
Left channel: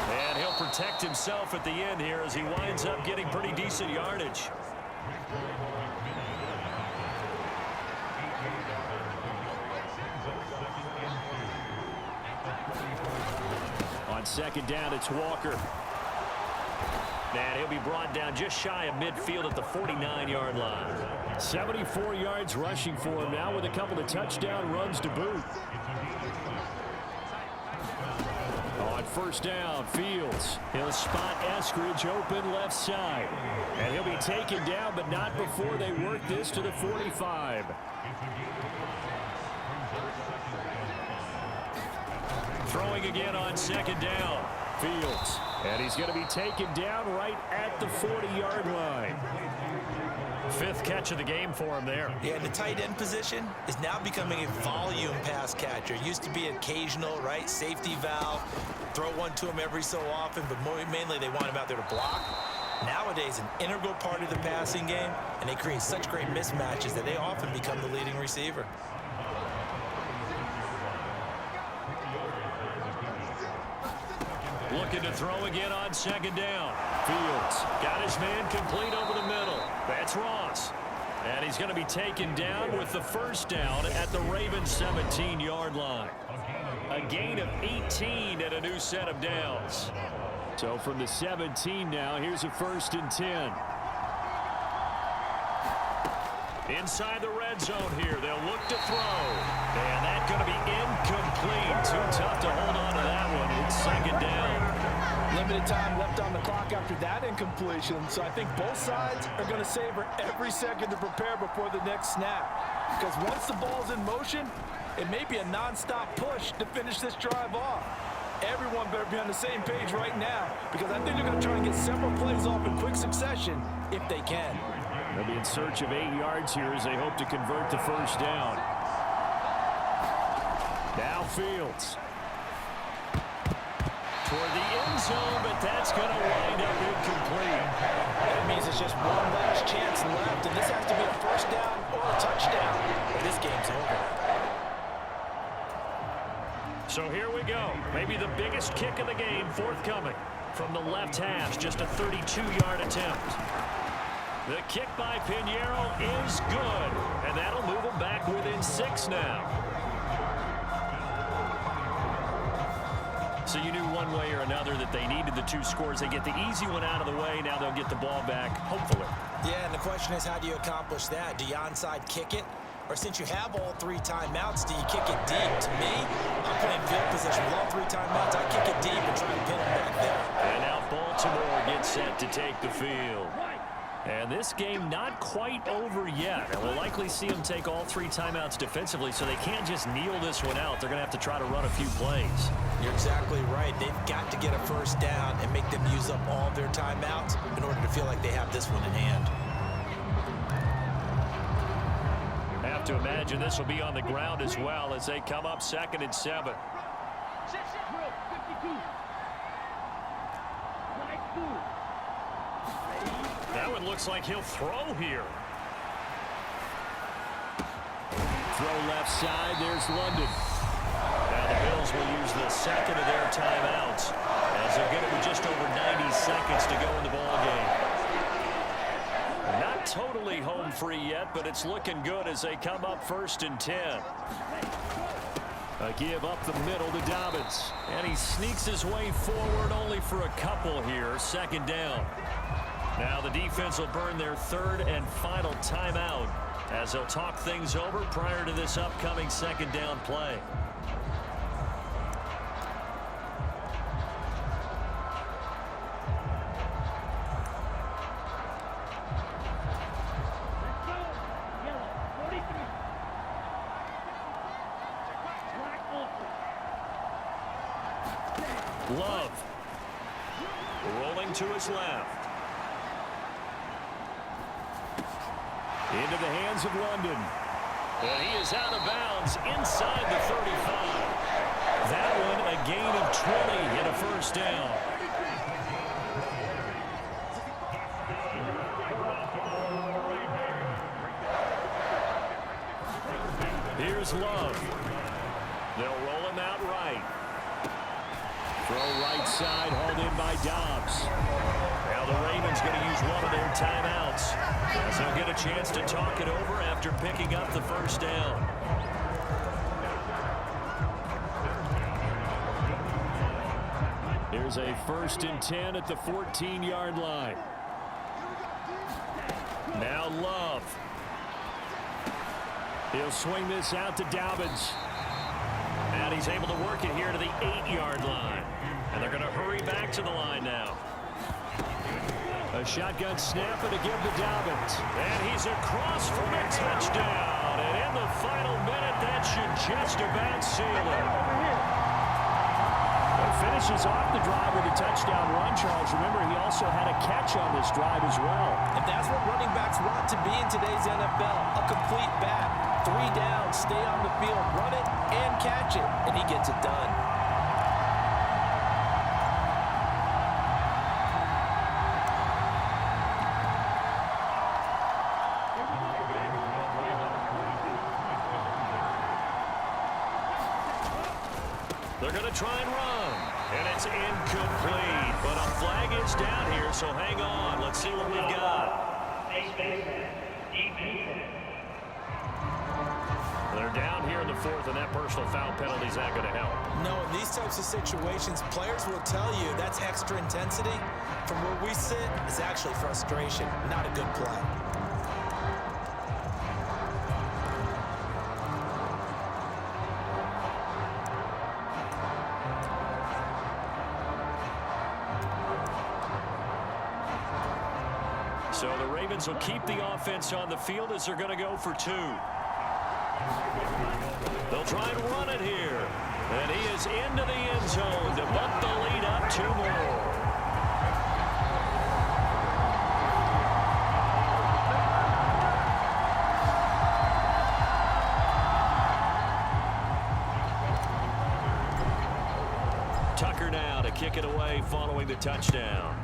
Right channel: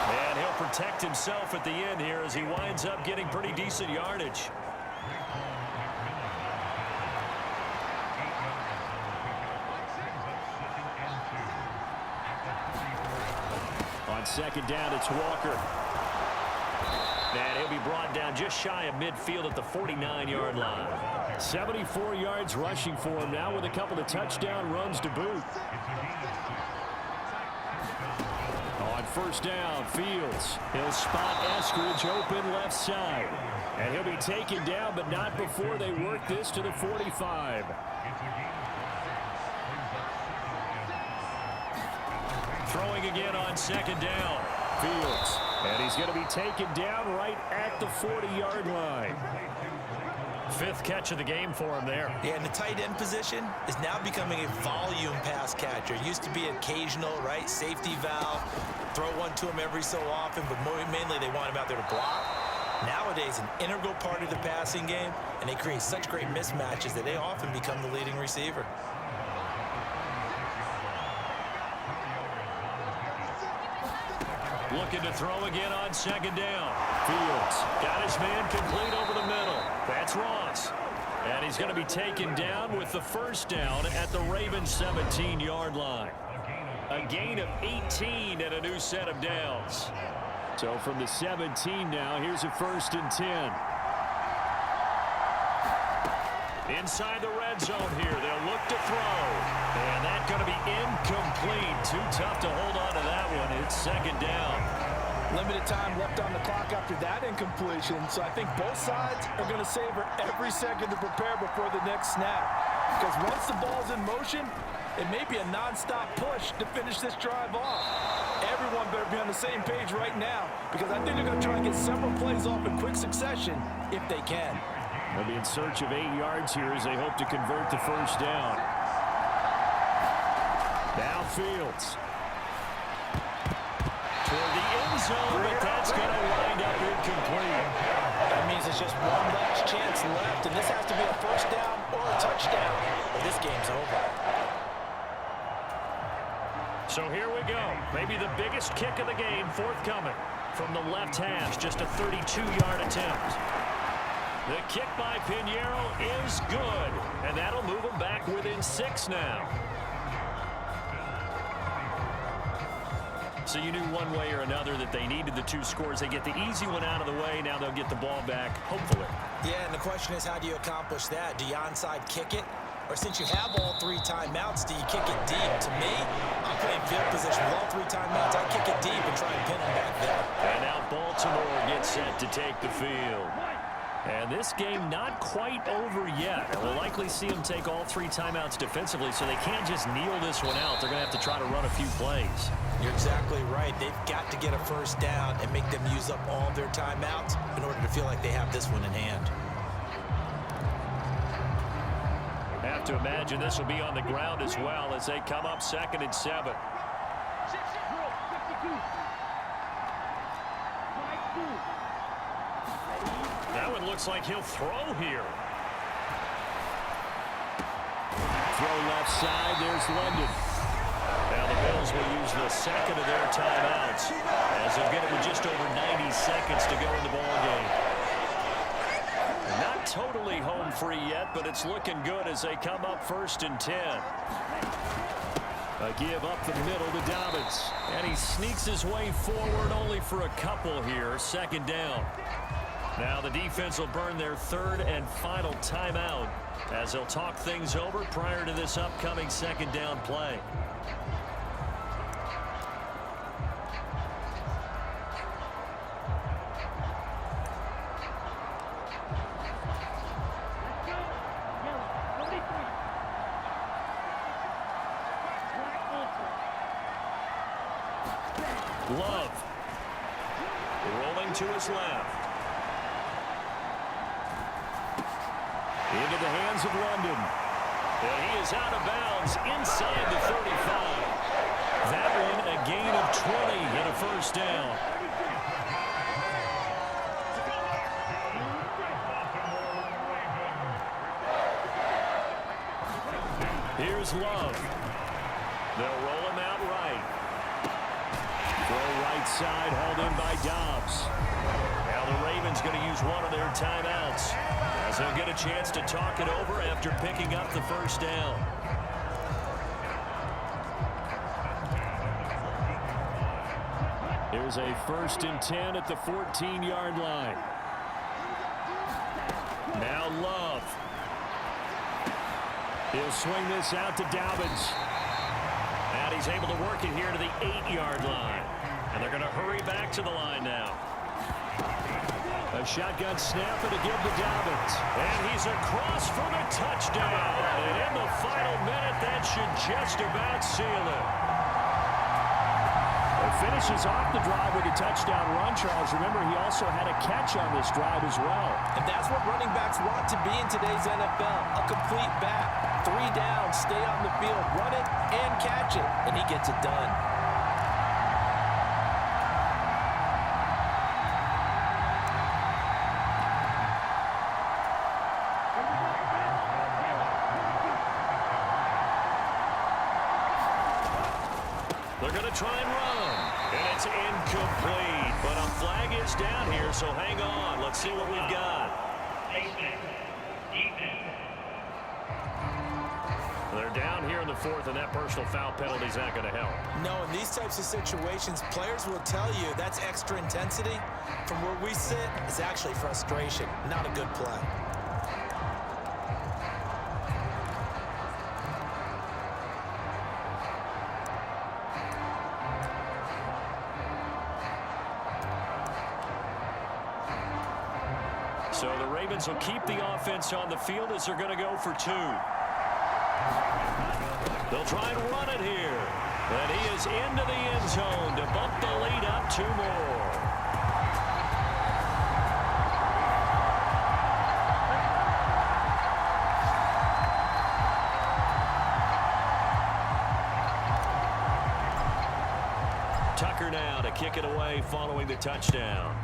And he'll protect himself at the end here as he winds up getting pretty decent yardage. On second down, it's Walker. And he'll be brought down just shy of midfield at the 49-yard line. 74 yards rushing for him now with a couple of touchdown runs to boot. On first down, Fields. He'll spot Eskridge open left side. And he'll be taken down, but not before they work this to the 45. Throwing again on second down. Fields. And he's going to be taken down right at the 40-yard line. 5th catch of the game for him there. Yeah, and the tight end position is now becoming a volume pass catcher. Used to be occasional, right? Safety valve. Throw one to him every so often, but mainly they want him out there to block. Nowadays, an integral part of the passing game, and they create such great mismatches that they often become the leading receiver. Looking to throw again on second down. Fields got his man complete over the middle. That's Ross. And he's going to be taken down with the first down at the Ravens 17-yard line. A gain of 18 and a new set of downs. So from the 17 now, here's a 1st and 10. Inside the red zone here, they'll look to throw. And that's going to be incomplete. Too tough to hold on to that one. It's second down. Limited time left on the clock after that incompletion, so I think both sides are going to savor every second to prepare before the next snap. Because once the ball's in motion, it may be a non-stop push to finish this drive off. Everyone better be on the same page right now, because I think they're going to try and get several plays off in quick succession if they can. They'll be in search of 8 yards here as they hope to convert the first down. Now Fields. Toward the end zone, but that's going to wind up incomplete. That means it's just one last chance left, and this has to be a first down or a touchdown, or this game's over. So here we go. Maybe the biggest kick of the game forthcoming from the left hash. Just a 32-yard attempt. The kick by Pinheiro is good, and that'll move them back within 6 now. So you knew one way or another that they needed the 2 scores. They get the easy one out of the way. Now they'll get the ball back, hopefully. Yeah, and the question is, how do you accomplish that? Do you onside kick it? Or since you have all 3 timeouts, do you kick it deep? To me, I'm playing field position with all 3 timeouts. I kick it deep and try and pin them back there. And now Baltimore gets set to take the field. And this game not quite over yet. And we'll likely see them take all 3 timeouts defensively, so they can't just kneel this one out. They're going to have to try to run a few plays. You're exactly right. They've got to get a first down and make them use up all their timeouts in order to feel like they have this one in hand. Have to imagine this will be on the ground as well as they come up 2nd and 7. Drill 52. Flag 2. That one looks like he'll throw here. Throw left side. There's London. Now the Bills will use the 2nd of their timeouts as they'll get it with just over 90 seconds to go in the ball game. Not totally home free yet, but it's looking good as they come up 1st and 10. A give up the middle to Dobbins. And he sneaks his way forward only for a couple here. 2nd down. Now the defense will burn their 3rd and final timeout as they'll talk things over prior to this upcoming 2nd down play. Let's go. Yellow 43. Black ultra. Love. Rolling to his left. Into the hands of London. And he is out of bounds inside the 35. That one a gain of 20 and a first down. Here's Love. They'll roll him out right. Throw right side, hauled in by Dobbs. Now the Ravens going to use one of their timeouts as they'll get a chance to talk it over after picking up the first down. Here's a 1st and 10 at the 14-yard line. Now Love. He'll swing this out to Dobbins. And he's able to work it here to the 8-yard line. And they're going to hurry back to the line now. A shotgun snap and a give to Dobbins. And he's across for the touchdown. And in the final minute, that should just about seal it. Well, finishes off the drive with a touchdown run, Charles. Remember, he also had a catch on this drive as well. And that's what running backs want to be in today's NFL. A complete back. 3 down, stay on the field, run it, and catch it. And he gets it done. They're going to try and run. And it's incomplete. But a flag is down here, so hang on. Let's see what we've got. They're down here in the 4th, and that personal foul penalty is not going to help. No, in these types of situations, players will tell you that's extra intensity. From where we sit, it's actually frustration, not a good play. So the Ravens will keep the offense on the field as they're going to go for 2. They'll try and run it here. And he is into the end zone to bump the lead up 2 more. Tucker now to kick it away following the touchdown.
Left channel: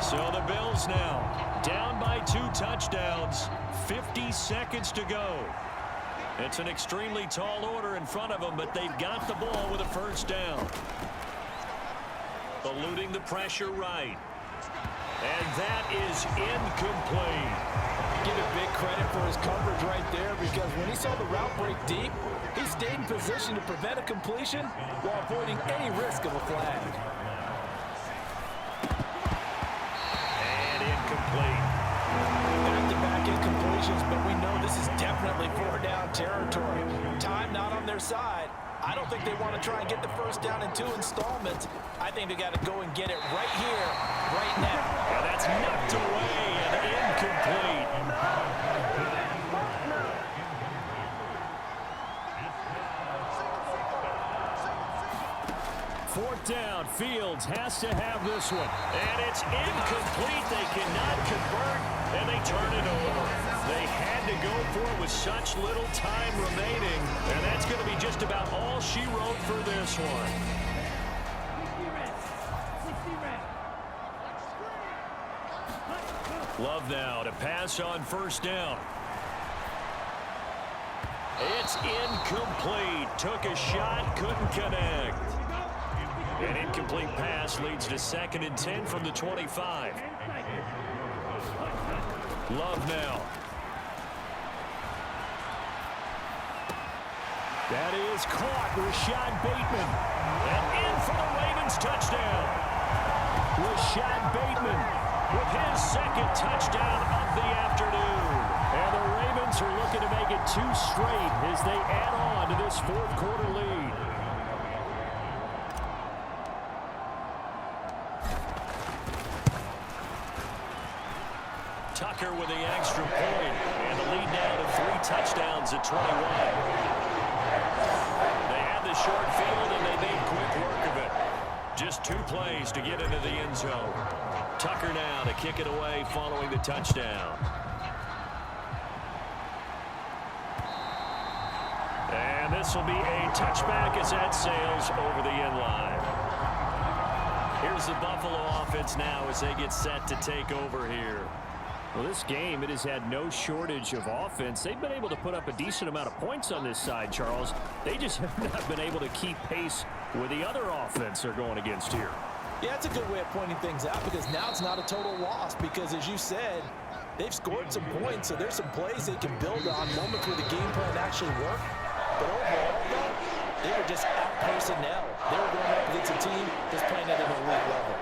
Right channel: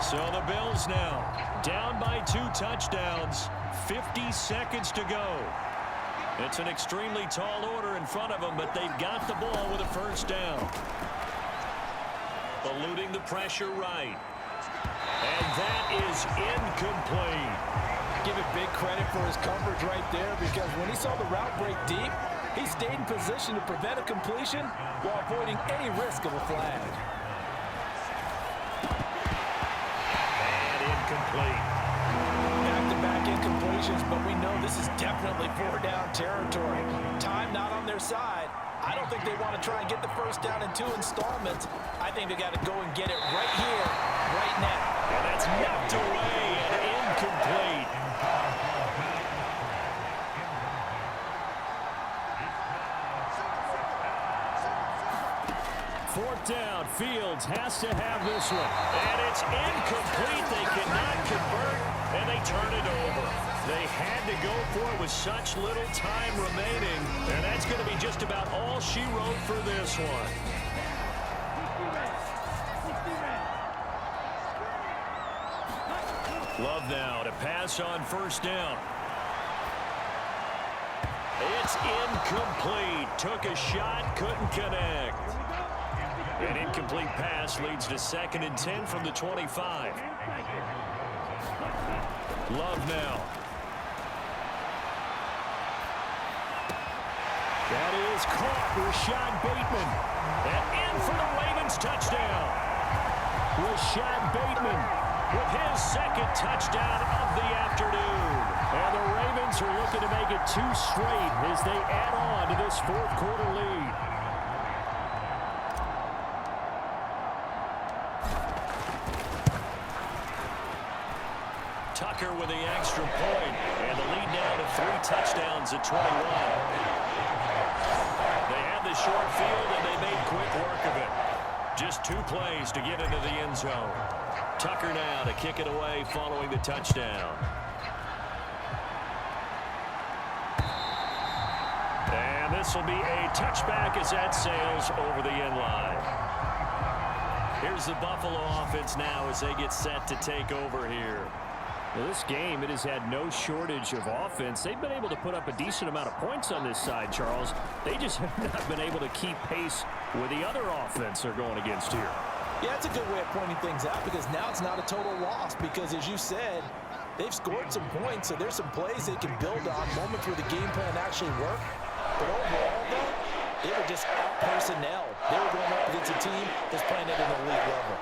So the Bills now down by 2 touchdowns, 50 seconds to go. It's an extremely tall order in front of them, but they've got the ball with a first down. Eluding the pressure right. And that is incomplete. Give it big credit for his coverage right there, because when he saw the route break deep, he stayed in position to prevent a completion while avoiding any risk of a flag. And incomplete. Back-to-back incompletions. situations, but we know this is definitely 4-down territory. Time not on their side. I don't think they want to try and get the first down in 2 installments. I think they got to go and get it right here, right now. And that's knocked away and incomplete. Fourth down, Fields has to have this one. And it's incomplete. They cannot convert, and they turn it over. They had to go for it with such little time remaining, and that's going to be just about all she wrote for this one. 60 red. 60 red. Love now to pass on first down. It's incomplete. Took a shot, couldn't connect. An incomplete pass leads to 2nd and 10 from the 25. Love now. That is caught. Rashad Bateman. And in for the Ravens touchdown. Rashad Bateman with his 2nd touchdown of the afternoon. And the Ravens are looking to make it 2 straight as they add on to this 4th quarter lead. Tucker with the extra point, and the lead now to 3 touchdowns at 21. They had the short field, and they made quick work of it. Just 2 plays to get into the end zone. Tucker now to kick it away following the touchdown. And this will be a touchback as that sails over the end line. Here's the Buffalo offense now as they get set to take over here. Well, this game, it has had no shortage of offense. They've been able to put up a decent amount of points on this side, Charles. They just have not been able to keep pace with the other offense they're going against here. Yeah, it's a good way of pointing things out because now it's not a total loss because, as you said, they've scored some points, so there's some plays they can build on, moments where the game plan actually worked. But overall, though, they were just out-personnel. They were going up against a team that's playing at an elite level.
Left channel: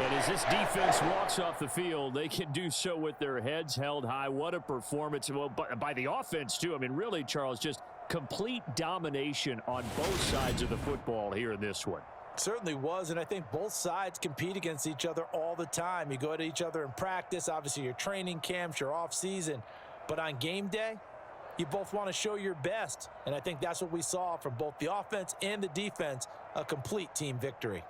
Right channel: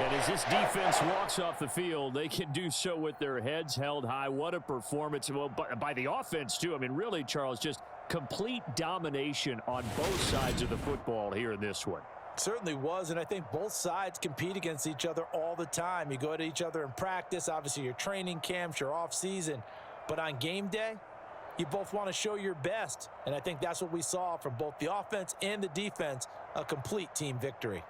And as this defense walks off the field, they can do so with their heads held high. What a performance. Well, by the offense, too. I mean, really, Charles, just complete domination on both sides of the football here in this one. Certainly was, and I think both sides compete against each other all the time. You go at each other in practice, obviously your training camps, your off-season. But on game day, you both want to show your best. And I think that's what we saw from both the offense and the defense, a complete team victory.